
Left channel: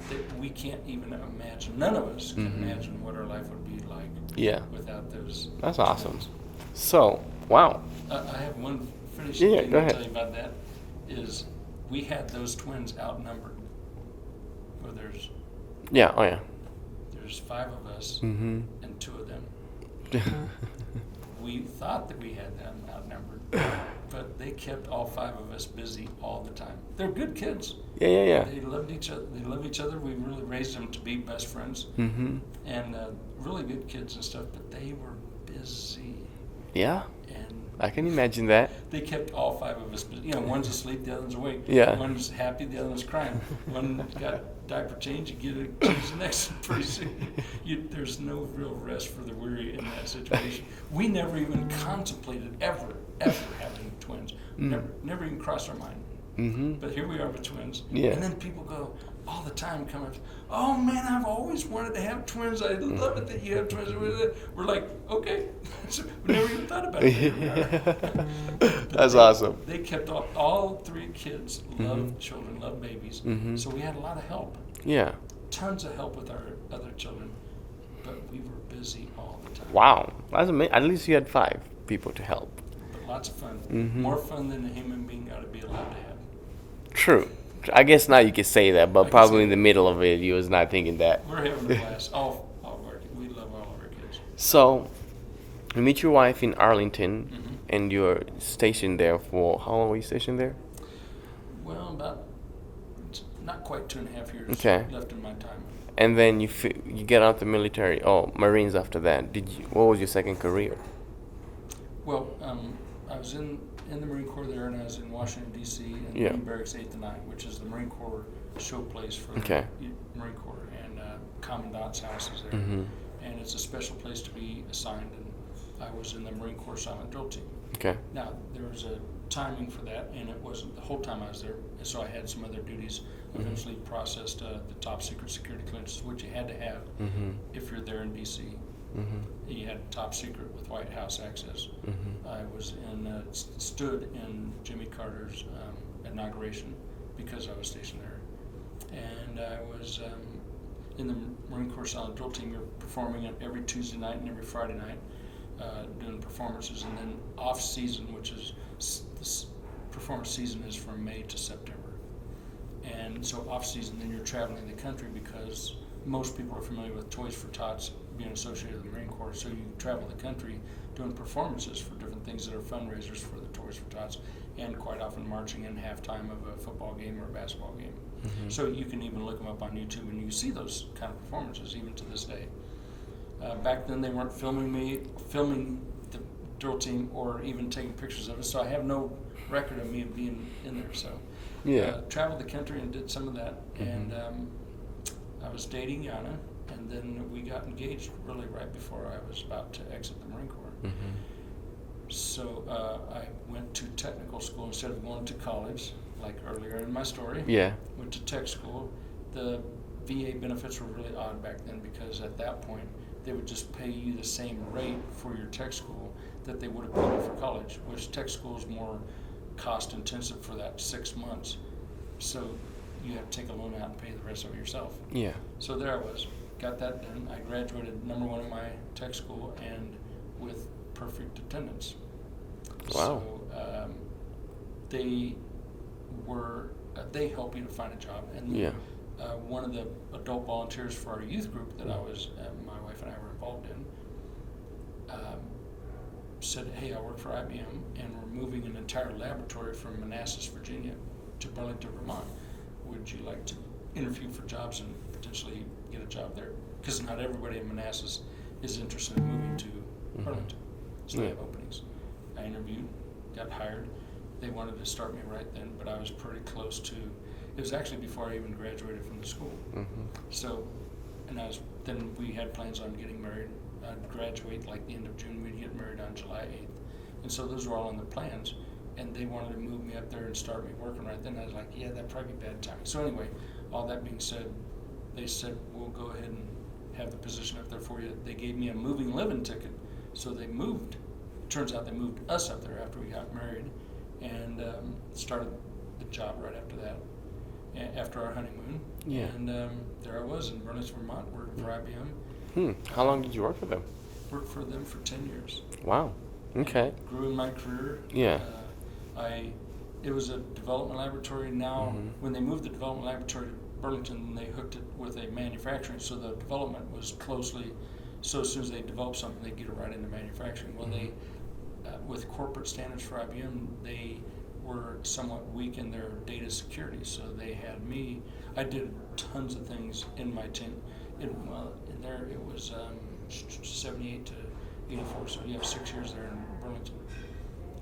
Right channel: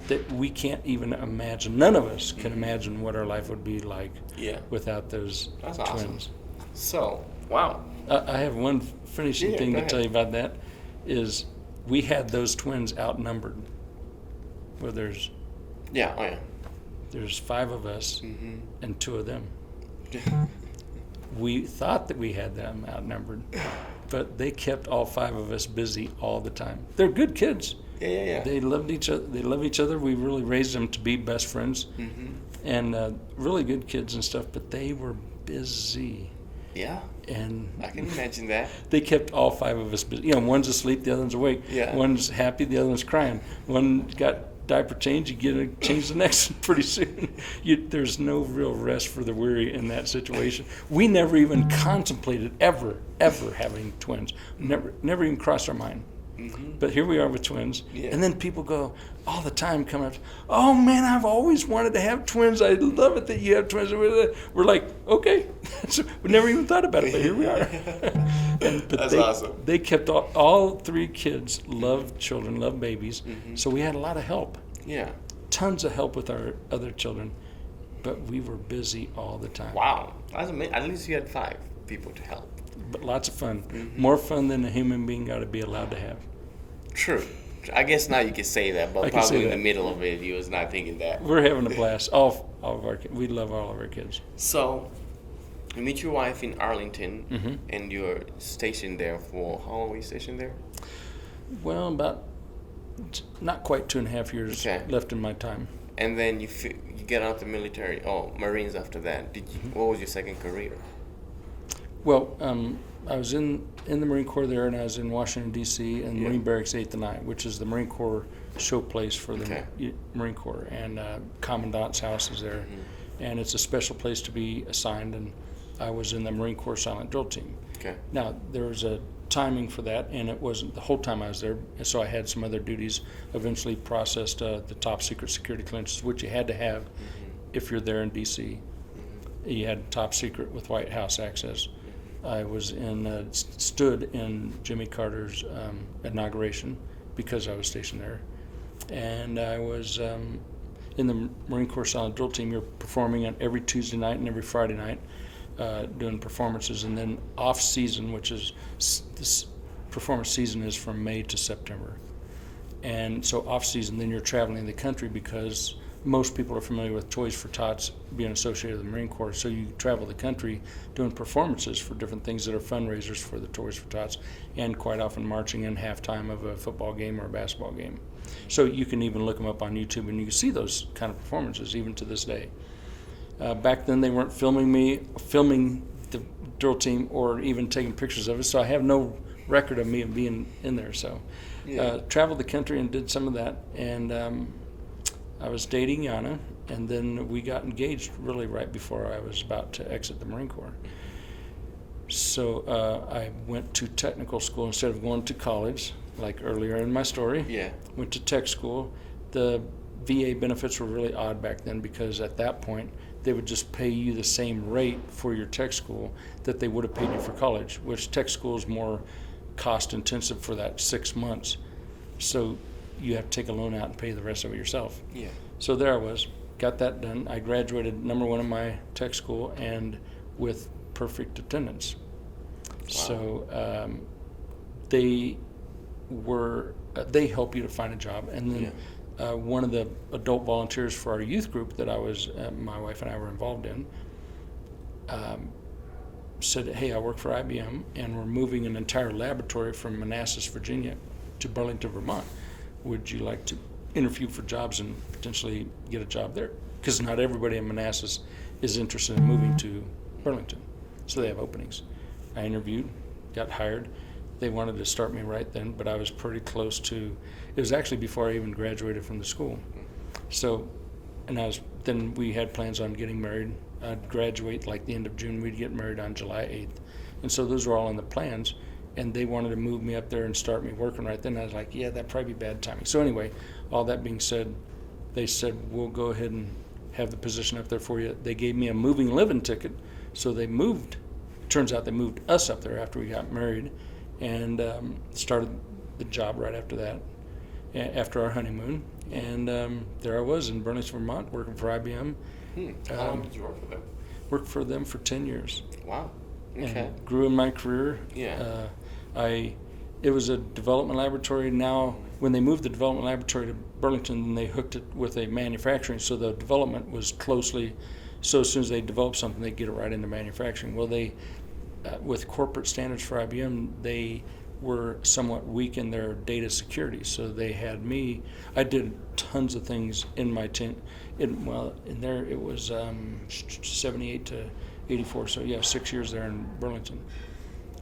that we can't even imagine, none of us can imagine what our life would be like without those That's twins. awesome. So, wow. I have one finishing thing to tell you about that, is we had those twins outnumbered. Where there's there's 5 of us and 2 of them. We thought that we had them outnumbered, but they kept all 5 of us busy all the time. They're good kids. Yeah. They loved each other. They love each other. We really raised them to be best friends, and really good kids and stuff. But they were busy. Yeah. And I can imagine that. They kept all 5 of us busy. You know, one's asleep, the other one's awake. Yeah. One's happy, the other one's crying. One got diaper change, you get to change the next one pretty soon. There's no real rest for the weary in that situation. We never even contemplated ever having twins. Never even crossed our mind. But here we are with twins. Yeah. And then people go all the time, come up, oh man, I've always wanted to have twins. I love it that you have twins. We're like, okay. So we never even thought about it, but here we are. That's awesome. They kept all 3 kids, loved children, loved babies. So we had a lot of help. Yeah. Tons of help with our other children, but we were busy all the time. Wow. That's amazing. At least you had 5 people to help. But lots of fun. More fun than a human being got to be allowed to have. True. I guess now you can say that, but probably in the middle of it, you was not thinking that. We're having a blast. All of our kids. We love all of our kids. So, you meet your wife in Arlington, and you're stationed there for, how long were you stationed there? Well, about not quite 2.5 years left in my time. And then you get out the military, Marines after that. What was your second career? Well, I was in the Marine Corps there, and I was in Washington, D.C., and Marine Barracks 8th and 9th, which is the Marine Corps show place for the Marine Corps, and Commandant's house is there. And it's a special place to be assigned, and I was in the Marine Corps Silent Drill Team. Okay. Now, there was a timing for that, and it wasn't the whole time I was there, so I had some other duties. Eventually processed the top secret security clearances, which you had to have if you're there in D.C. You had top secret with White House access. I was stood in Jimmy Carter's inauguration because I was stationed there, and I was in the Marine Corps Silent Drill Team. You're performing on every Tuesday night and every Friday night, doing performances, and then off season, which is this performance season is from May to September, and so off season, then you're traveling the country because most people are familiar with Toys for Tots being associated with the Marine Corps, so you travel the country doing performances for different things that are fundraisers for the Toys for Tots, and quite often marching in halftime of a football game or a basketball game. So you can even look them up on YouTube and you see those kind of performances even to this day. Back then they weren't filming the drill team or even taking pictures of it, so I have no record of me being in there. So traveled the country and did some of that, and I was dating Yana, and then we got engaged really right before I was about to exit the Marine Corps. So I went to technical school instead of going to college, like earlier in my story. Went to tech school. The VA benefits were really odd back then because at that point they would just pay you the same rate for your tech school that they would have paid you for college, which tech school is more cost intensive for that 6 months. So you have to take a loan out and pay the rest of it yourself. Yeah. So there I was, got that done. I graduated #1 in my tech school and with perfect attendance. Wow. So they help you to find a job. And then one of the adult volunteers for our youth group that my wife and I were involved in, said, hey, I work for IBM and we're moving an entire laboratory from Manassas, Virginia to Burlington, Vermont. Would you like to interview for jobs and potentially get a job there? Because not everybody in Manassas is interested in moving to Burlington. So they have openings. I interviewed, got hired. They wanted to start me right then, but I was pretty close to, it was actually before I even graduated from the school. So, then we had plans on getting married. I'd graduate like the end of June, we'd get married on July 8th. And so those were all in the plans, and they wanted to move me up there and start me working right then. I was like, yeah, that'd probably be bad timing. So anyway, all that being said, they said, we'll go ahead and have the position up there for you. They gave me a moving living ticket, so they moved. Turns out they moved us up there after we got married, and started the job right after that, after our honeymoon. And there I was in Burlington, Vermont, working for IBM. How long did you work for them? Worked for them for 10 years. Wow. Okay. And grew in my career. Yeah. It was a development laboratory. Now, when they moved the development laboratory to Burlington, they hooked it with a manufacturing, so the development was closely, so as soon as they developed something, they'd get it right into manufacturing. Well, they, with corporate standards for IBM, they were somewhat weak in their data security, so they had me. I did tons of things in my in there it was 78 to 84, so 6 years there in Burlington.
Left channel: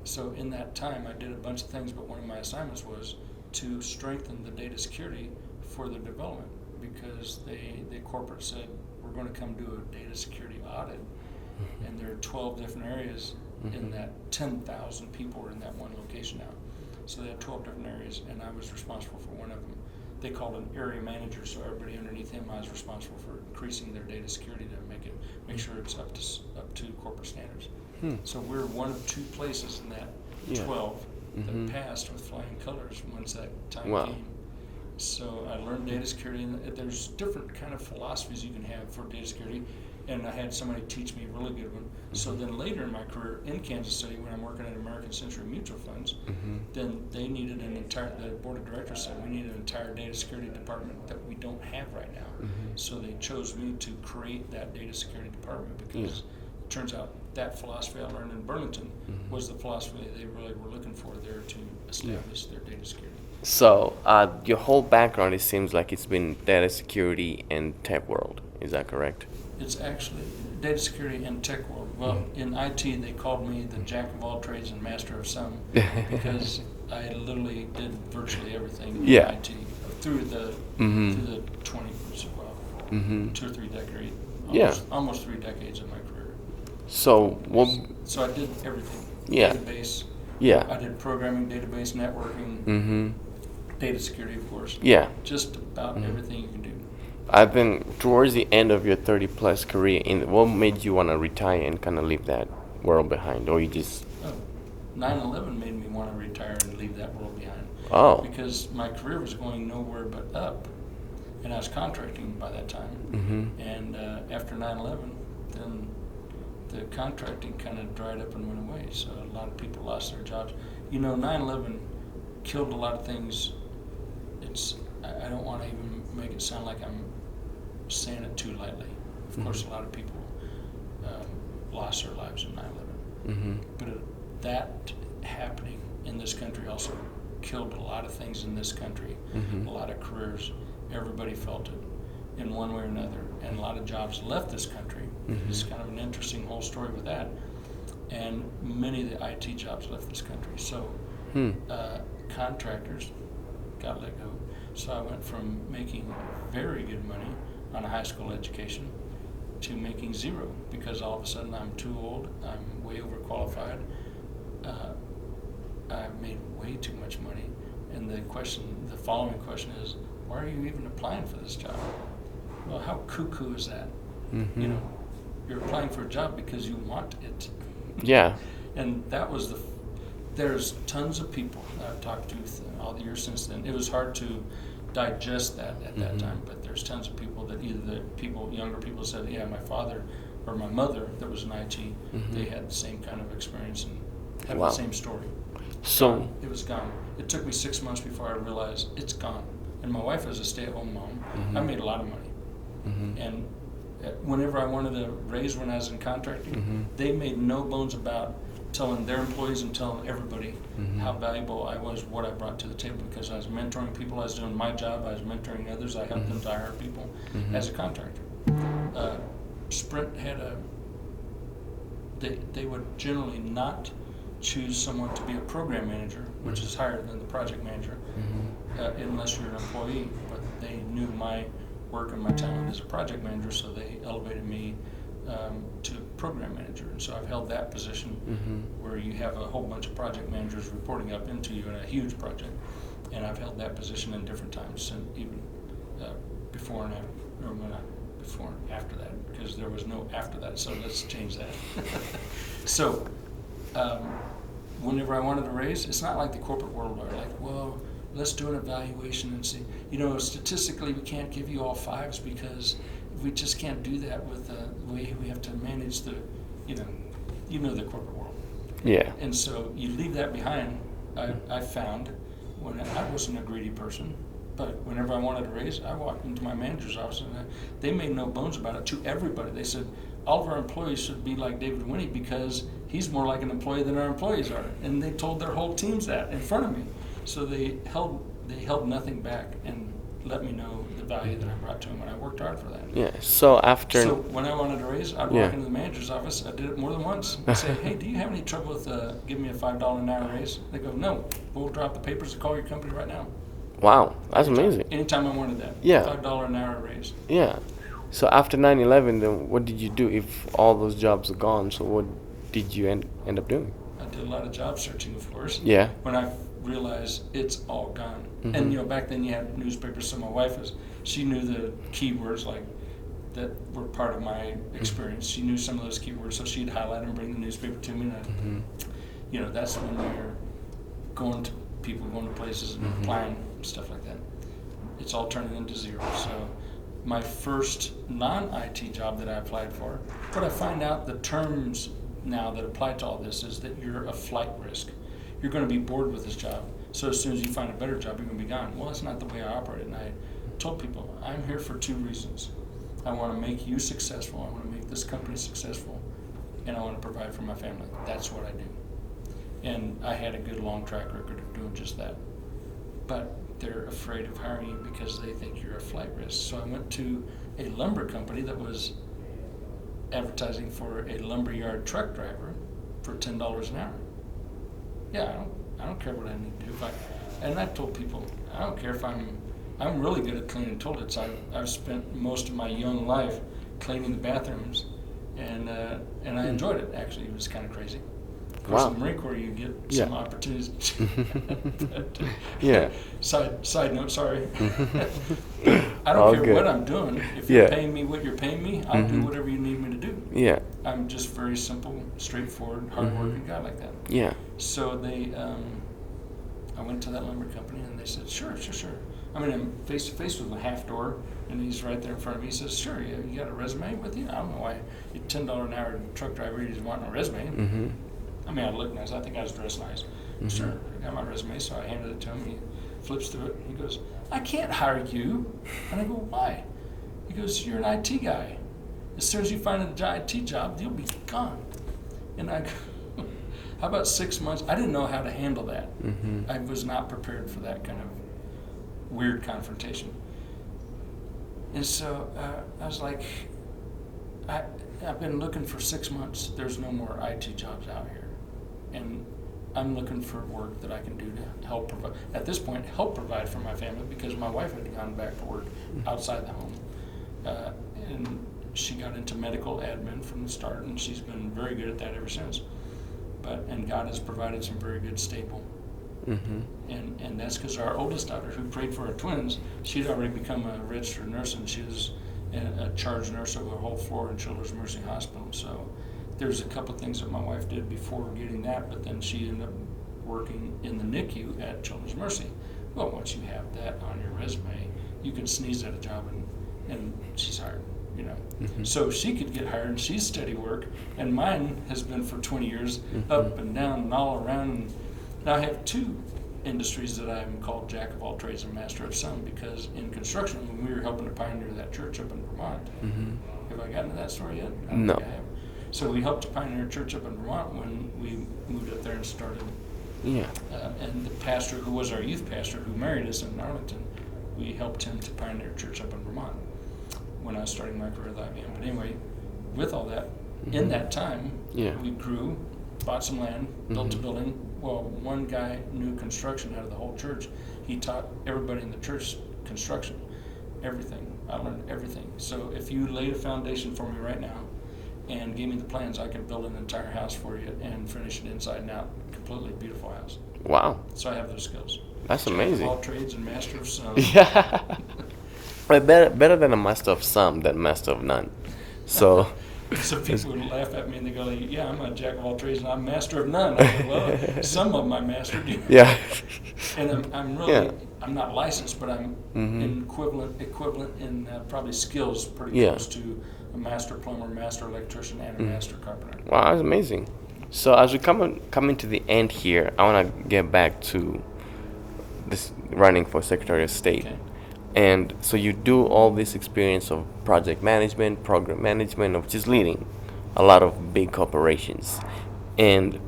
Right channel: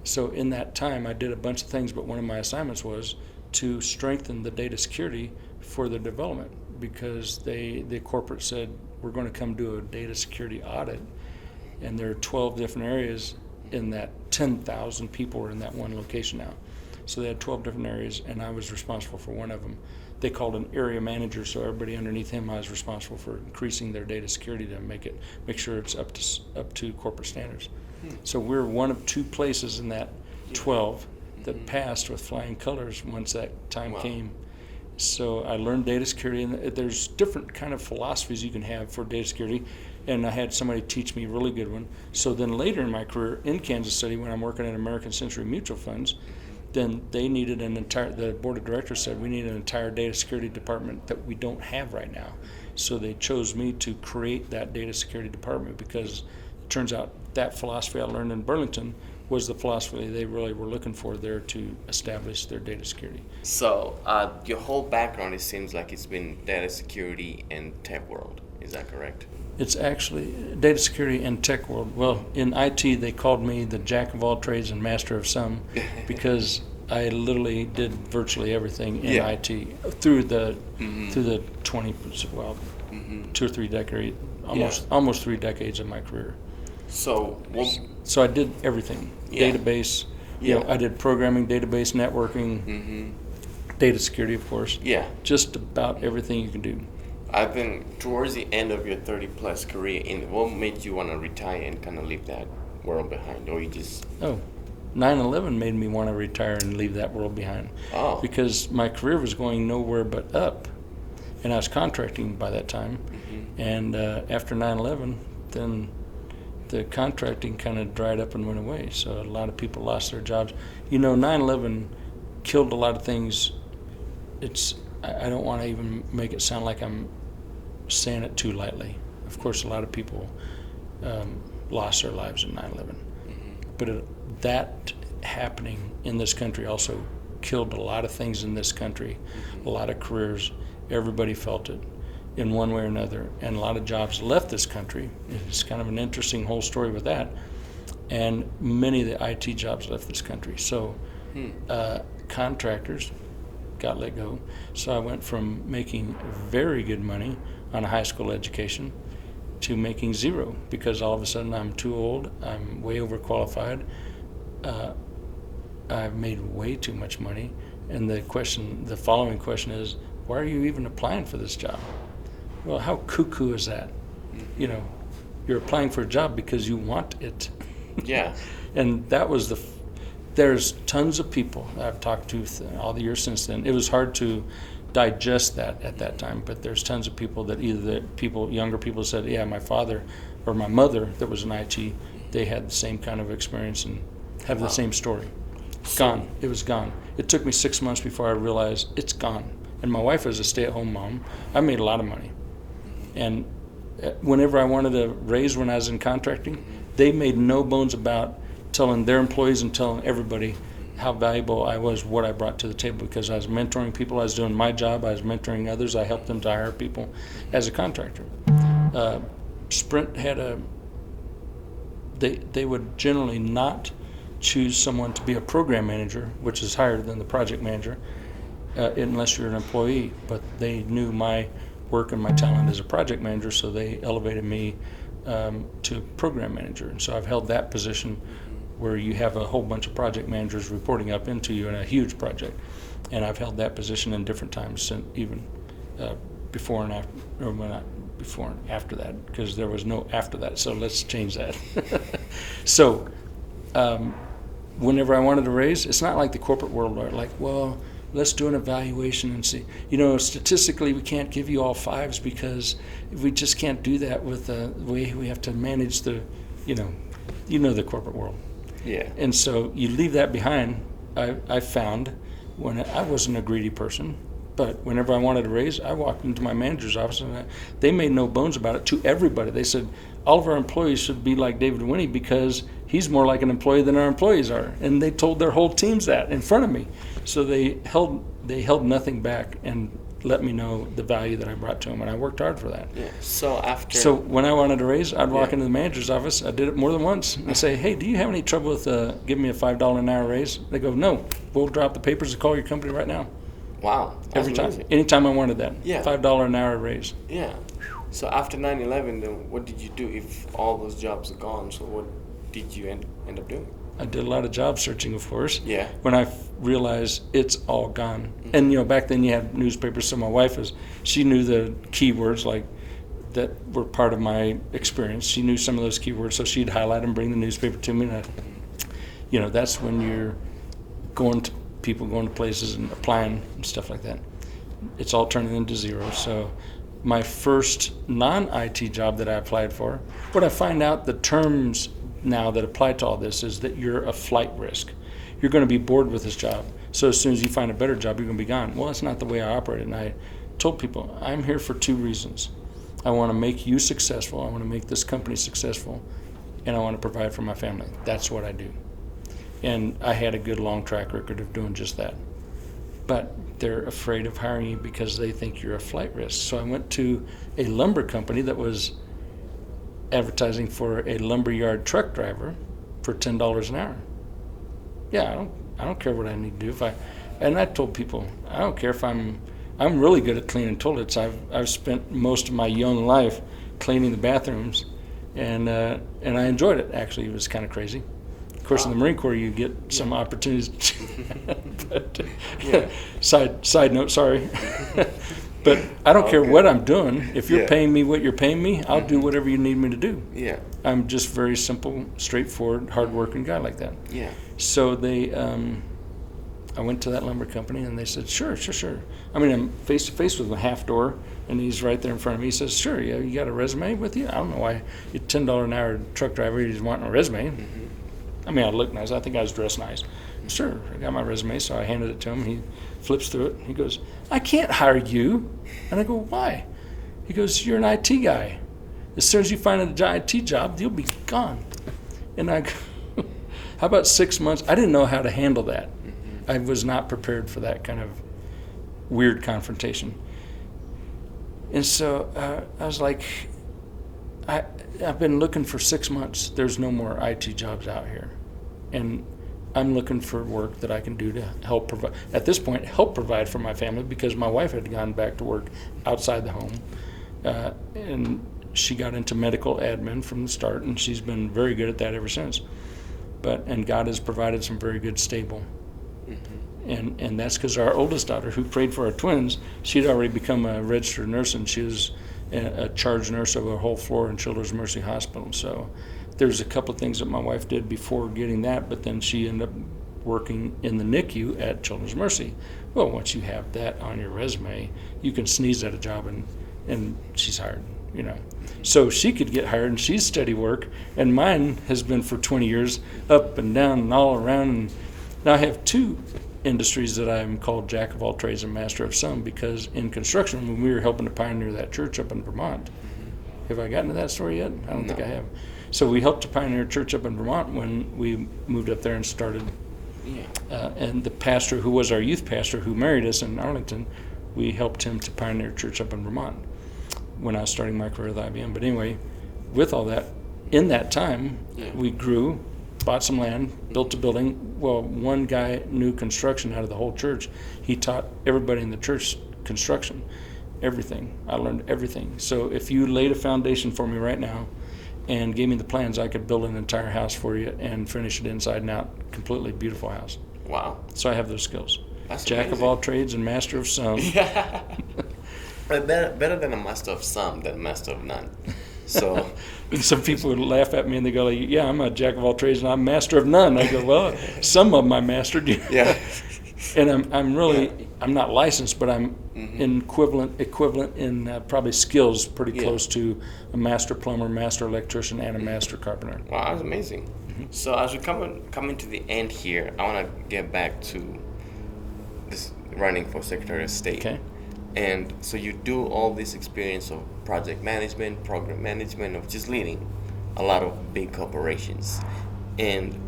So in that time, I did a bunch of things, but one of my assignments was to strengthen the data security for the development, because the corporate said, we're going to come do a data security audit, and there are 12 different areas in that 10,000 people were in that one location now. So they had 12 different areas, and I was responsible for one of them. They called an area manager, so everybody underneath him, I was responsible for increasing their data security to make sure it's up to corporate standards. So we're one of 2 places in that 12 that passed with flying colors once that time came. So I learned data security, and there's different kind of philosophies you can have for data security, and I had somebody teach me a really good one. So then later in my career in Kansas City, when I'm working at American Century Mutual Funds, then they needed the board of directors said we need an entire data security department that we don't have right now. So they chose me to create that data security department, because it turns out that philosophy I learned in Burlington was the philosophy they really were looking for there to establish their data security. So your whole background, it seems like it's been data security and tech world. Is that correct? It's actually data security and tech world. Well, in IT, they called me the jack of all trades and master of some, because I literally did virtually everything in IT through the 2 or 3 decades, almost 3 decades of my career. So I did everything. Database. I did programming, database, networking, data security, of course. Just about everything you can do. I've been towards the end of your 30-plus career. What made you want to retire and kind of leave that world behind, or you just? 9/11 made me want to retire and leave that world behind. Because my career was going nowhere but up, and I was contracting by that time. And after 9/11, then the contracting kind of dried up and went away. So a lot of people lost their jobs. 9/11 killed a lot of things. I don't want to even make it sound like I'm saying it too lightly. Of course, a lot of people lost their lives in 9/11. But that happening in this country also killed a lot of things in this country, a lot of careers. Everybody felt it in one way or another. And a lot of jobs left this country. It's kind of an interesting whole story with that. And many of the IT jobs left this country. So contractors got let go. So I went from making very good money on a high school education to making zero, because all of a sudden I'm too old, I'm way overqualified, I've made way too much money. And the following question is, why are you even applying for this job? Well, how cuckoo is that? You're applying for a job because you want it. Yeah. And that was there's tons of people I've talked to all the years since then. It was hard to digest that at that time, but there's tons of people that younger people said, yeah, my father or my mother that was in IT, they had the same kind of experience and have the same story. Gone. It was gone. It took me 6 months before I realized it's gone. And my wife was a stay-at-home mom. I made a lot of money. And whenever I wanted a raise when I was in contracting, they made no bones about telling their employees and telling everybody how valuable I was, what I brought to the table, because I was mentoring people, I was doing my job, I was mentoring others, I helped them to hire people as a contractor. Sprint had they would generally not choose someone to be a program manager, which is higher than the project manager, unless you're an employee, but they knew my work and my talent as a project manager, so they elevated me to program manager. And so I've held that position where you have a whole bunch of project managers reporting up into you in a huge project. And I've held that position in different times, since even before and after, or not before and after that, because there was no after that, so let's change that. So whenever I wanted a raise, it's not like the corporate world where like, well, let's do an evaluation and see. Statistically, we can't give you all fives because we just can't do that with the way we have to manage the, the corporate world. Yeah. And so you leave that behind. I found when I wasn't a greedy person, but whenever I wanted a raise, I walked into my manager's office and they made no bones about it to everybody. They said, all of our employees should be like David Winney because he's more like an employee than our employees are. And they told their whole teams that in front of me. So they held nothing back and let me know the value that I brought to them, and I worked hard for that. Yeah. So when I wanted a raise, I'd walk into the manager's office. I did it more than once. I'd say, hey, do you have any trouble with giving me a $5 an hour raise? They go, no, we'll drop the papers and call your company right now. Wow, that's amazing. Anytime I wanted that. Yeah. $5 an hour raise. Yeah. So after 9/11, then what did you do if all those jobs are gone? So what did you end up doing? I did a lot of job searching, of course. Yeah. When I realized it's all gone. And, back then you had newspapers, so my wife she knew the keywords like that were part of my experience. She knew some of those keywords, so she'd highlight them, bring the newspaper to me, and that's when you're going to places and applying and stuff like that. It's all turning into zero. So my first non-IT job that I applied for, what I find out the terms now that apply to all this is that you're a flight risk. You're going to be bored with this job. So as soon as you find a better job, you're going to be gone. Well, that's not the way I operate. And I told people, I'm here for two reasons. I want to make you successful. I want to make this company successful. And I want to provide for my family. That's what I do. And I had a good long track record of doing just that. But they're afraid of hiring you because they think you're a flight risk. So I went to a lumber company that was advertising for a lumberyard truck driver for $10 an hour. Yeah, I don't care what I need to do. And I told people, I don't care if I'm really good at cleaning toilets. I've spent most of my young life cleaning the bathrooms, and I enjoyed it. Actually, it was kind of crazy. Of course, in the Marine Corps, you get some opportunities. But, side note, sorry. But I don't care what I'm doing. If you're paying me what you're paying me, I'll do whatever you need me to do. Yeah. I'm just very simple, straightforward, hardworking guy like that. Yeah. So I went to that lumber company and they said, sure. I mean, I'm face to face with a half door and he's right there in front of me. He says, sure, you got a resume with you? I don't know why you're $10 an hour truck driver, he's wanting a resume. I mean, I looked nice. I think I was dressed nice. Sure, I got my resume, so I handed it to him. He flips through it. He goes, I can't hire you. And I go, why? He goes, you're an IT guy. As soon as you find an IT job, you'll be gone. And I go, how about 6 months? I didn't know how to handle that. I was not prepared for that kind of weird confrontation. And so I was like, I've been looking for 6 months. There's no more IT jobs out here. And I'm looking for work that I can do to help provide, at this point, help provide for my family because my wife had gone back to work outside the home. And she got into medical admin from the start, and she's been very good at that ever since. And God has provided some very good stable. And that's because our oldest daughter, who prayed for our twins, she'd already become a registered nurse, and she was a charge nurse over a whole floor in Children's Mercy Hospital. So there's a couple of things that my wife did before getting that, but then she ended up working in the NICU at Children's Mercy. Well, once you have that on your resume, you can sneeze at a job and she's hired, you know. So she could get hired, and she's steady work, and mine has been for 20 years, up and down and all around. And now I have two industries that I'm called Jack of all trades and master of some, because in construction, when we were helping to pioneer that church up in Vermont, have I gotten to that story yet? I don't think I have. So we helped to pioneer a church up in Vermont when we moved up there and started. Yeah. And the pastor who was our youth pastor who married us in Arlington, we helped him to pioneer a church up in Vermont when I was starting my career with IBM. But anyway, with all that, in that time, we grew, bought some land, built a building. Well, one guy knew construction out of the whole church. He taught everybody in the church construction, everything. I learned everything. So if you laid a foundation for me right now and gave me the plans, I could build an entire house for you and finish it inside and out. Completely beautiful house. Wow. So I have those skills. That's Jack amazing. of all trades and master of some. Yeah. But better than a master of some than master of none. So Some people would laugh at me and they go, like, yeah, I'm a jack of all trades and I'm master of none. I go, well, some of them I mastered. yeah. And I'm really, I'm not licensed, but I'm equivalent in probably skills pretty close to a master plumber, master electrician, and a master carpenter. Wow, that's amazing. So as we coming to the end here, I want to get back to this running for Secretary of State. Okay. And so you do all this experience of project management, program management, of just leading a lot of big corporations. And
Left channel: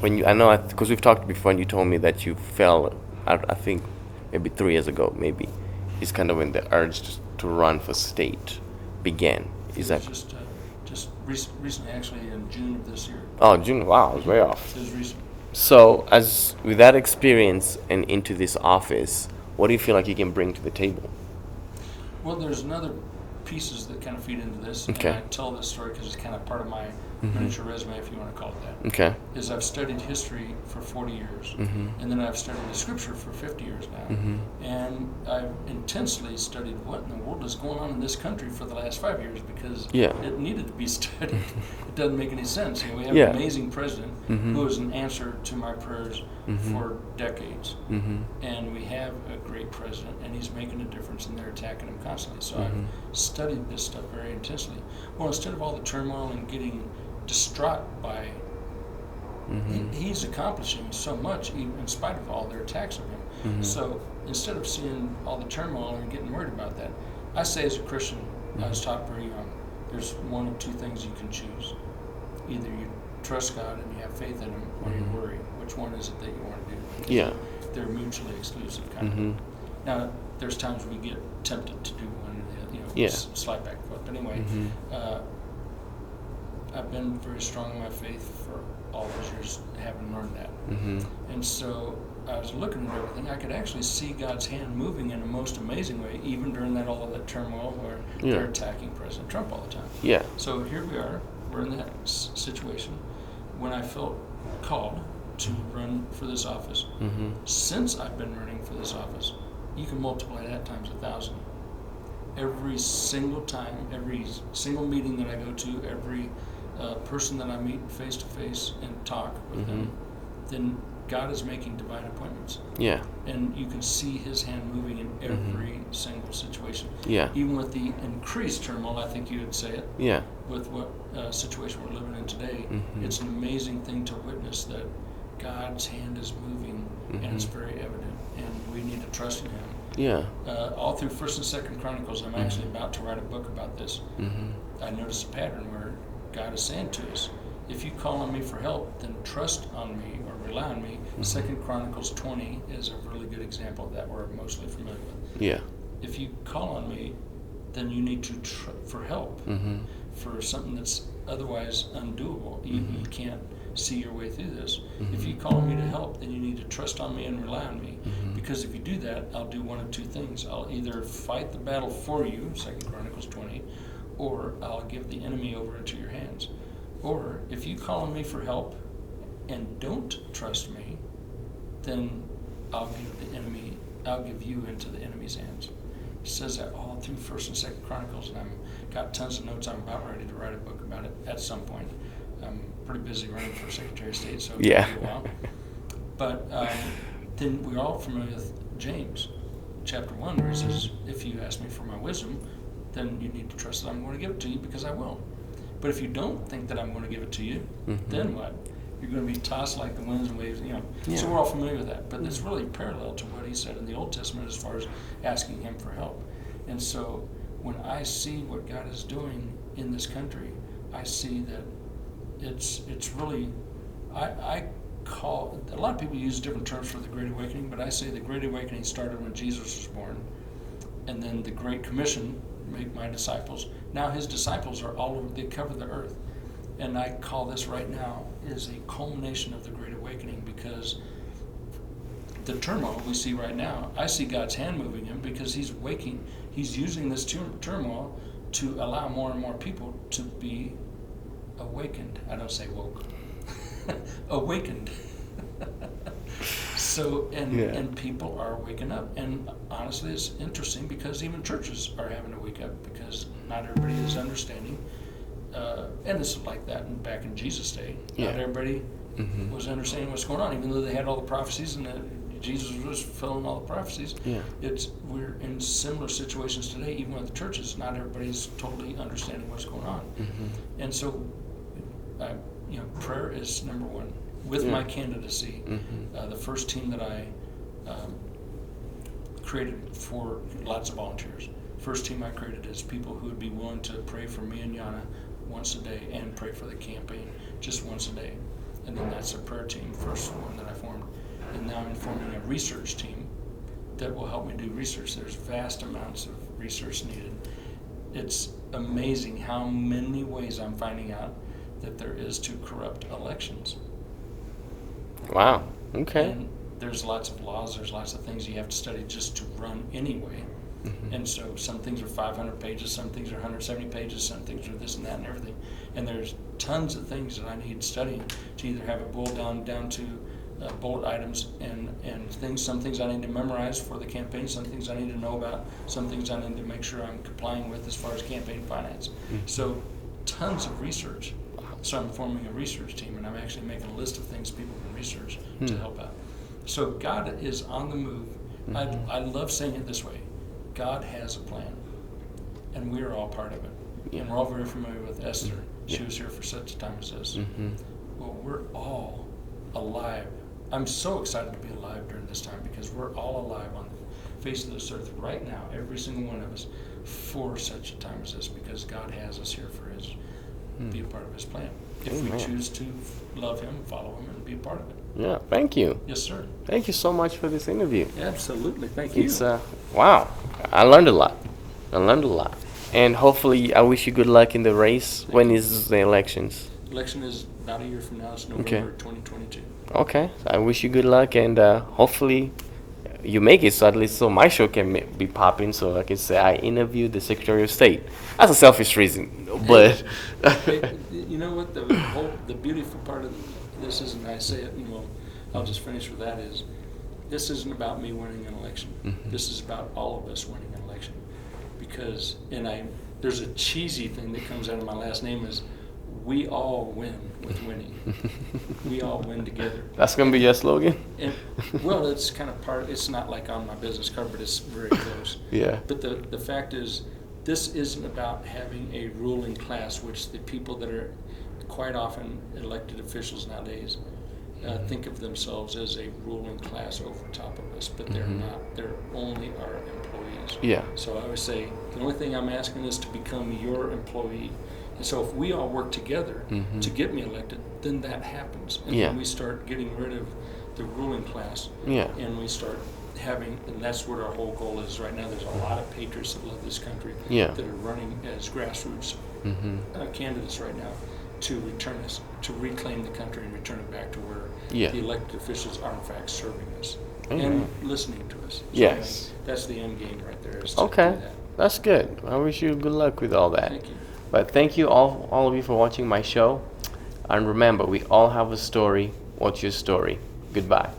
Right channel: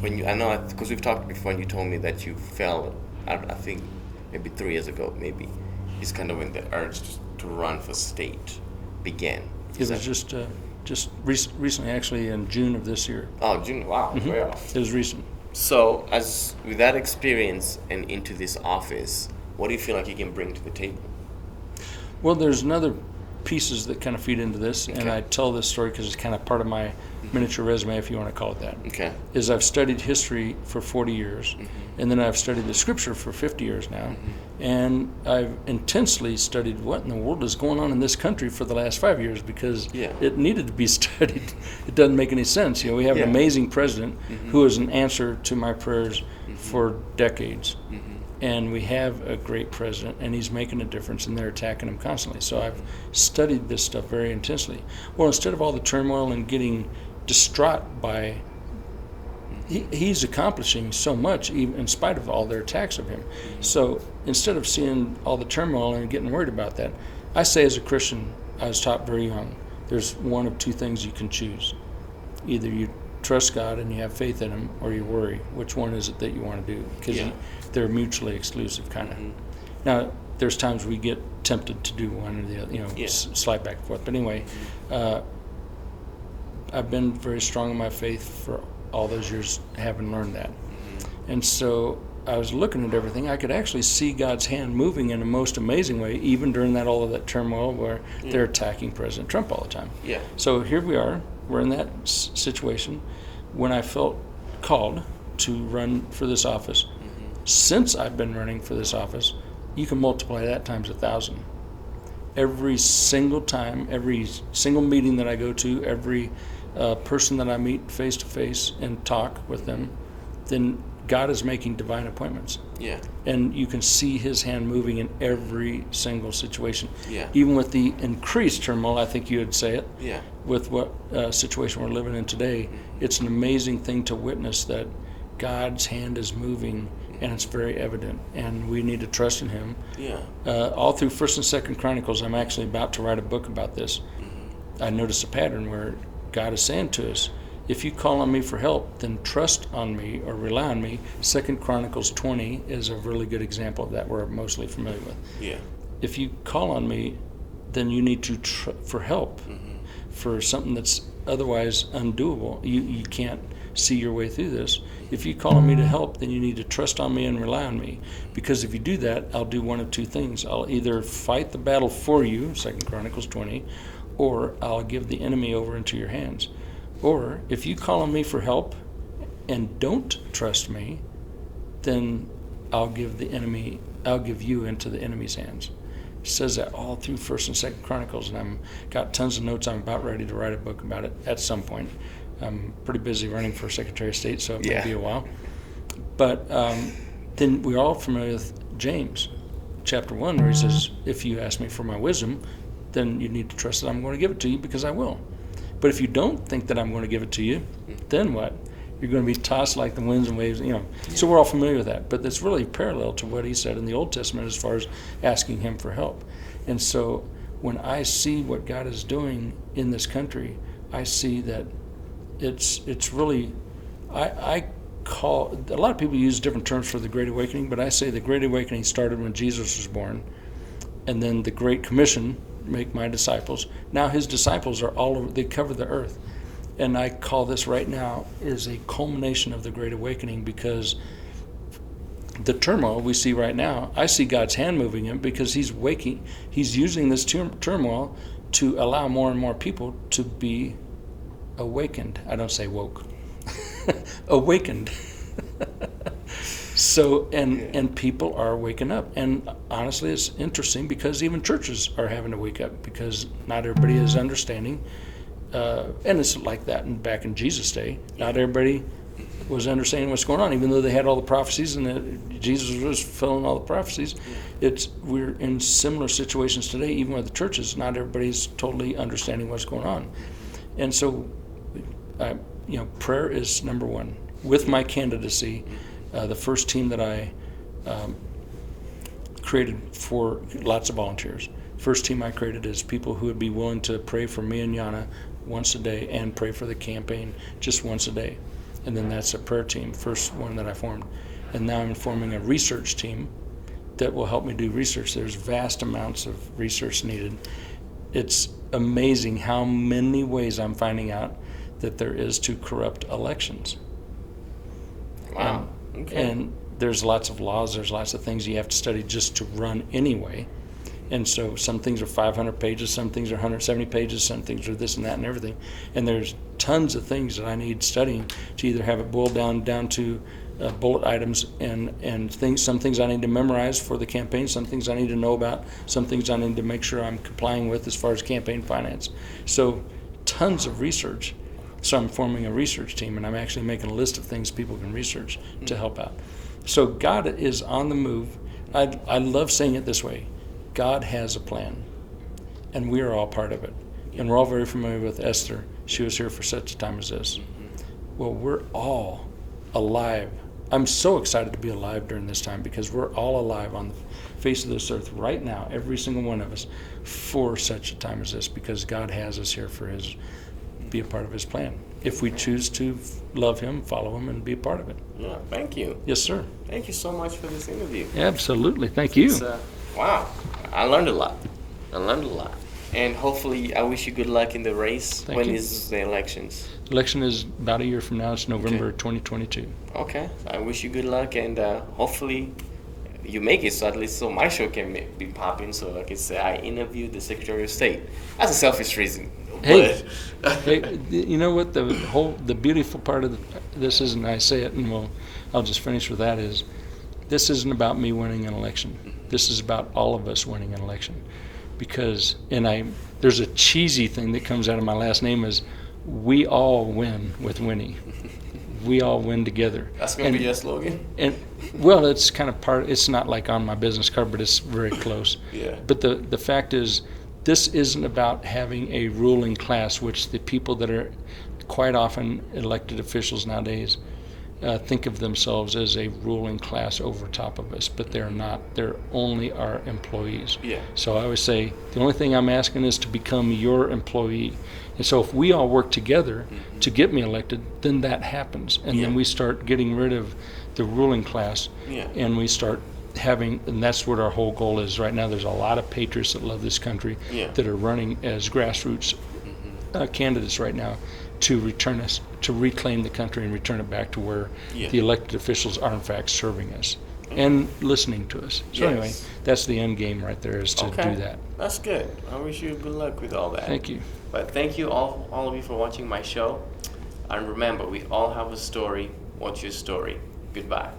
when you, I know, because we've talked before, and you told me that you fell, I think maybe 3 years ago, maybe, is kind of when the urge to run for state began. It was just recently, actually, in June of this year. Oh, June, wow, way off. It was recent. So, as with that experience and into this office, what do you feel like you can bring to the table? Well, there's another pieces that kind of feed into this, Okay. and I tell this story because it's kind of part of my miniature resume, if you want to call it that. Okay. Is I've studied history for 40 years, and then I've studied the scripture for 50 years now, and I've intensely studied what in the world is going on in this country for the last 5 years, because it needed to be studied. It doesn't make any sense. You know, we have an amazing president who is an answer to my prayers for decades, and we have a great president, and he's making a difference, and they're attacking him constantly. So I've studied this stuff very intensely. Well, instead of all the turmoil and getting distraught by he's accomplishing so much even in spite of all their attacks of him. So instead of seeing all the turmoil and getting worried about that, I say as a Christian, I was taught very young, there's one of two things you can choose. Either you trust God and you have faith in him, or you worry. Which one is it that you want to do? Because they're mutually exclusive kind of. Now there's times we get tempted to do one or the other, you know, slide back and forth, but anyway, I've been very strong in my faith for all those years, having learned that. And so I was looking at everything. I could actually see God's hand moving in a most amazing way, even during all of that turmoil where they're attacking President Trump all the time. Yeah. So here we are. We're in that situation when I felt called to run for this office. Since I've been running for this office, you can multiply that times 1,000. Every single time, every single meeting that I go to, every person that I meet face to face and talk with them, then God is making divine appointments. Yeah. And you can see his hand moving in every single situation. Yeah. Even with the increased turmoil, I think you would say it. Yeah. With what situation we're living in today, it's an amazing thing to witness that God's hand is moving, and it's very evident, and we need to trust in him. Yeah. All through 1st and 2nd Chronicles, I'm actually about to write a book about this. I noticed a pattern where God is saying to us, if you call on me for help, then trust on me or rely on me. 2nd Chronicles 20 is a really good example of that we're mostly familiar with. Yeah. If you call on me, then you need to for help, for something that's otherwise undoable. You can't see your way through this. If you call on me to help, then you need to trust on me and rely on me. Because if you do that, I'll do one of two things. I'll either fight the battle for you, 2nd Chronicles 20, or I'll give the enemy over into your hands. Or if you call on me for help and don't trust me, then I'll give you into the enemy's hands. says that all through First and Second Chronicles, and I'm got tons of notes. I'm about ready to write a book about it at some point. I'm pretty busy running for Secretary of State, so it may be a while. But then we're all familiar with James, chapter 1, where he says, if you ask me for my wisdom, then you need to trust that I'm going to give it to you, because I will. But if you don't think that I'm going to give it to you, then what? You're going to be tossed like the winds and waves, you know. Yeah. So we're all familiar with that. But it's really parallel to what he said in the Old Testament as far as asking him for help. And so when I see what God is doing in this country, I see that it's really, I call, a lot of people use different terms for the Great Awakening, but I say the Great Awakening started when Jesus was born, and then the Great Commission, make my disciples. Now his disciples are all over, they cover the earth. And I call this right now is a culmination of the Great Awakening, because the turmoil we see right now, I see God's hand moving him, because he's using this turmoil to allow more and more people to be awakened. I don't say woke. Awakened. So, and people are waking up. And honestly, it's interesting, because even churches are having to wake up, because not everybody is understanding. And it's like that back in Jesus' day. Not everybody was understanding what's going on, even though they had all the prophecies and Jesus was fulfilling all the prophecies. We're in similar situations today, even with the churches. Not everybody's totally understanding what's going on. And so, prayer is number one. With my candidacy, the first team that I created for lots of volunteers. First team I created is people who would be willing to pray for me and Yana once a day, and pray for the campaign just once a day. And then that's a prayer team, first one that I formed. And now I'm forming a research team that will help me do research. There's vast amounts of research needed. It's amazing how many ways I'm finding out that there is to corrupt elections. Wow. Okay. And there's lots of laws, there's lots of things you have to study just to run anyway. And so some things are 500 pages, some things are 170 pages, some things are this and that and everything. And there's tons of things that I need studying to either have it boiled down to bullet items and things. Some things I need to memorize for the campaign, some things I need to know about, some things I need to make sure I'm complying with as far as campaign finance. So tons of research. So I'm forming a research team, and I'm actually making a list of things people can research to help out. So God is on the move. I love saying it this way. God has a plan, and we are all part of it. And we're all very familiar with Esther. She was here for such a time as this. Well, we're all alive. I'm so excited to be alive during this time, because we're all alive on the face of this earth right now, every single one of us, for such a time as this, because God has us here for be a part of his plan. If we choose to love him, follow him, and be a part of it. Yeah, thank you. Yes, sir. Thank you so much for this interview. Absolutely. Thank you. Wow. I learned a lot. And hopefully, I wish you good luck in the race. When is the elections? Election is about a year from now. It's November 2022. Okay. I wish you good luck, and hopefully you make it, so at least my show can be popping, so I can say I interviewed the Secretary of State. That's a selfish reason, but hey, you know what, the beautiful part of this is, and I say it, and I'll just finish with that, is this isn't about me winning an election. This is about all of us winning an election, because there's a cheesy thing that comes out of my last name is, we all win with Winnie. We all win together. That's going to be your slogan? And well, it's kind of it's not like on my business card, but it's very close. Yeah. But the fact is, this isn't about having a ruling class, which the people that are quite often elected officials nowadays think of themselves as a ruling class over top of us, but they're not. They're only our employees. Yeah. So I always say, the only thing I'm asking is to become your employee. And so if we all work together to get me elected, then that happens. And then we start getting rid of the ruling class. And we start having, and that's what our whole goal is right now. There's a lot of patriots that love this country that are running as grassroots candidates right now to reclaim the country and return it back to where the elected officials are in fact serving us and listening to us. So anyway, that's the end game right there, is to do that. That's good. I wish you good luck with all that. Thank you. But thank you all of you for watching my show. And remember, we all have a story. What's your story? Goodbye.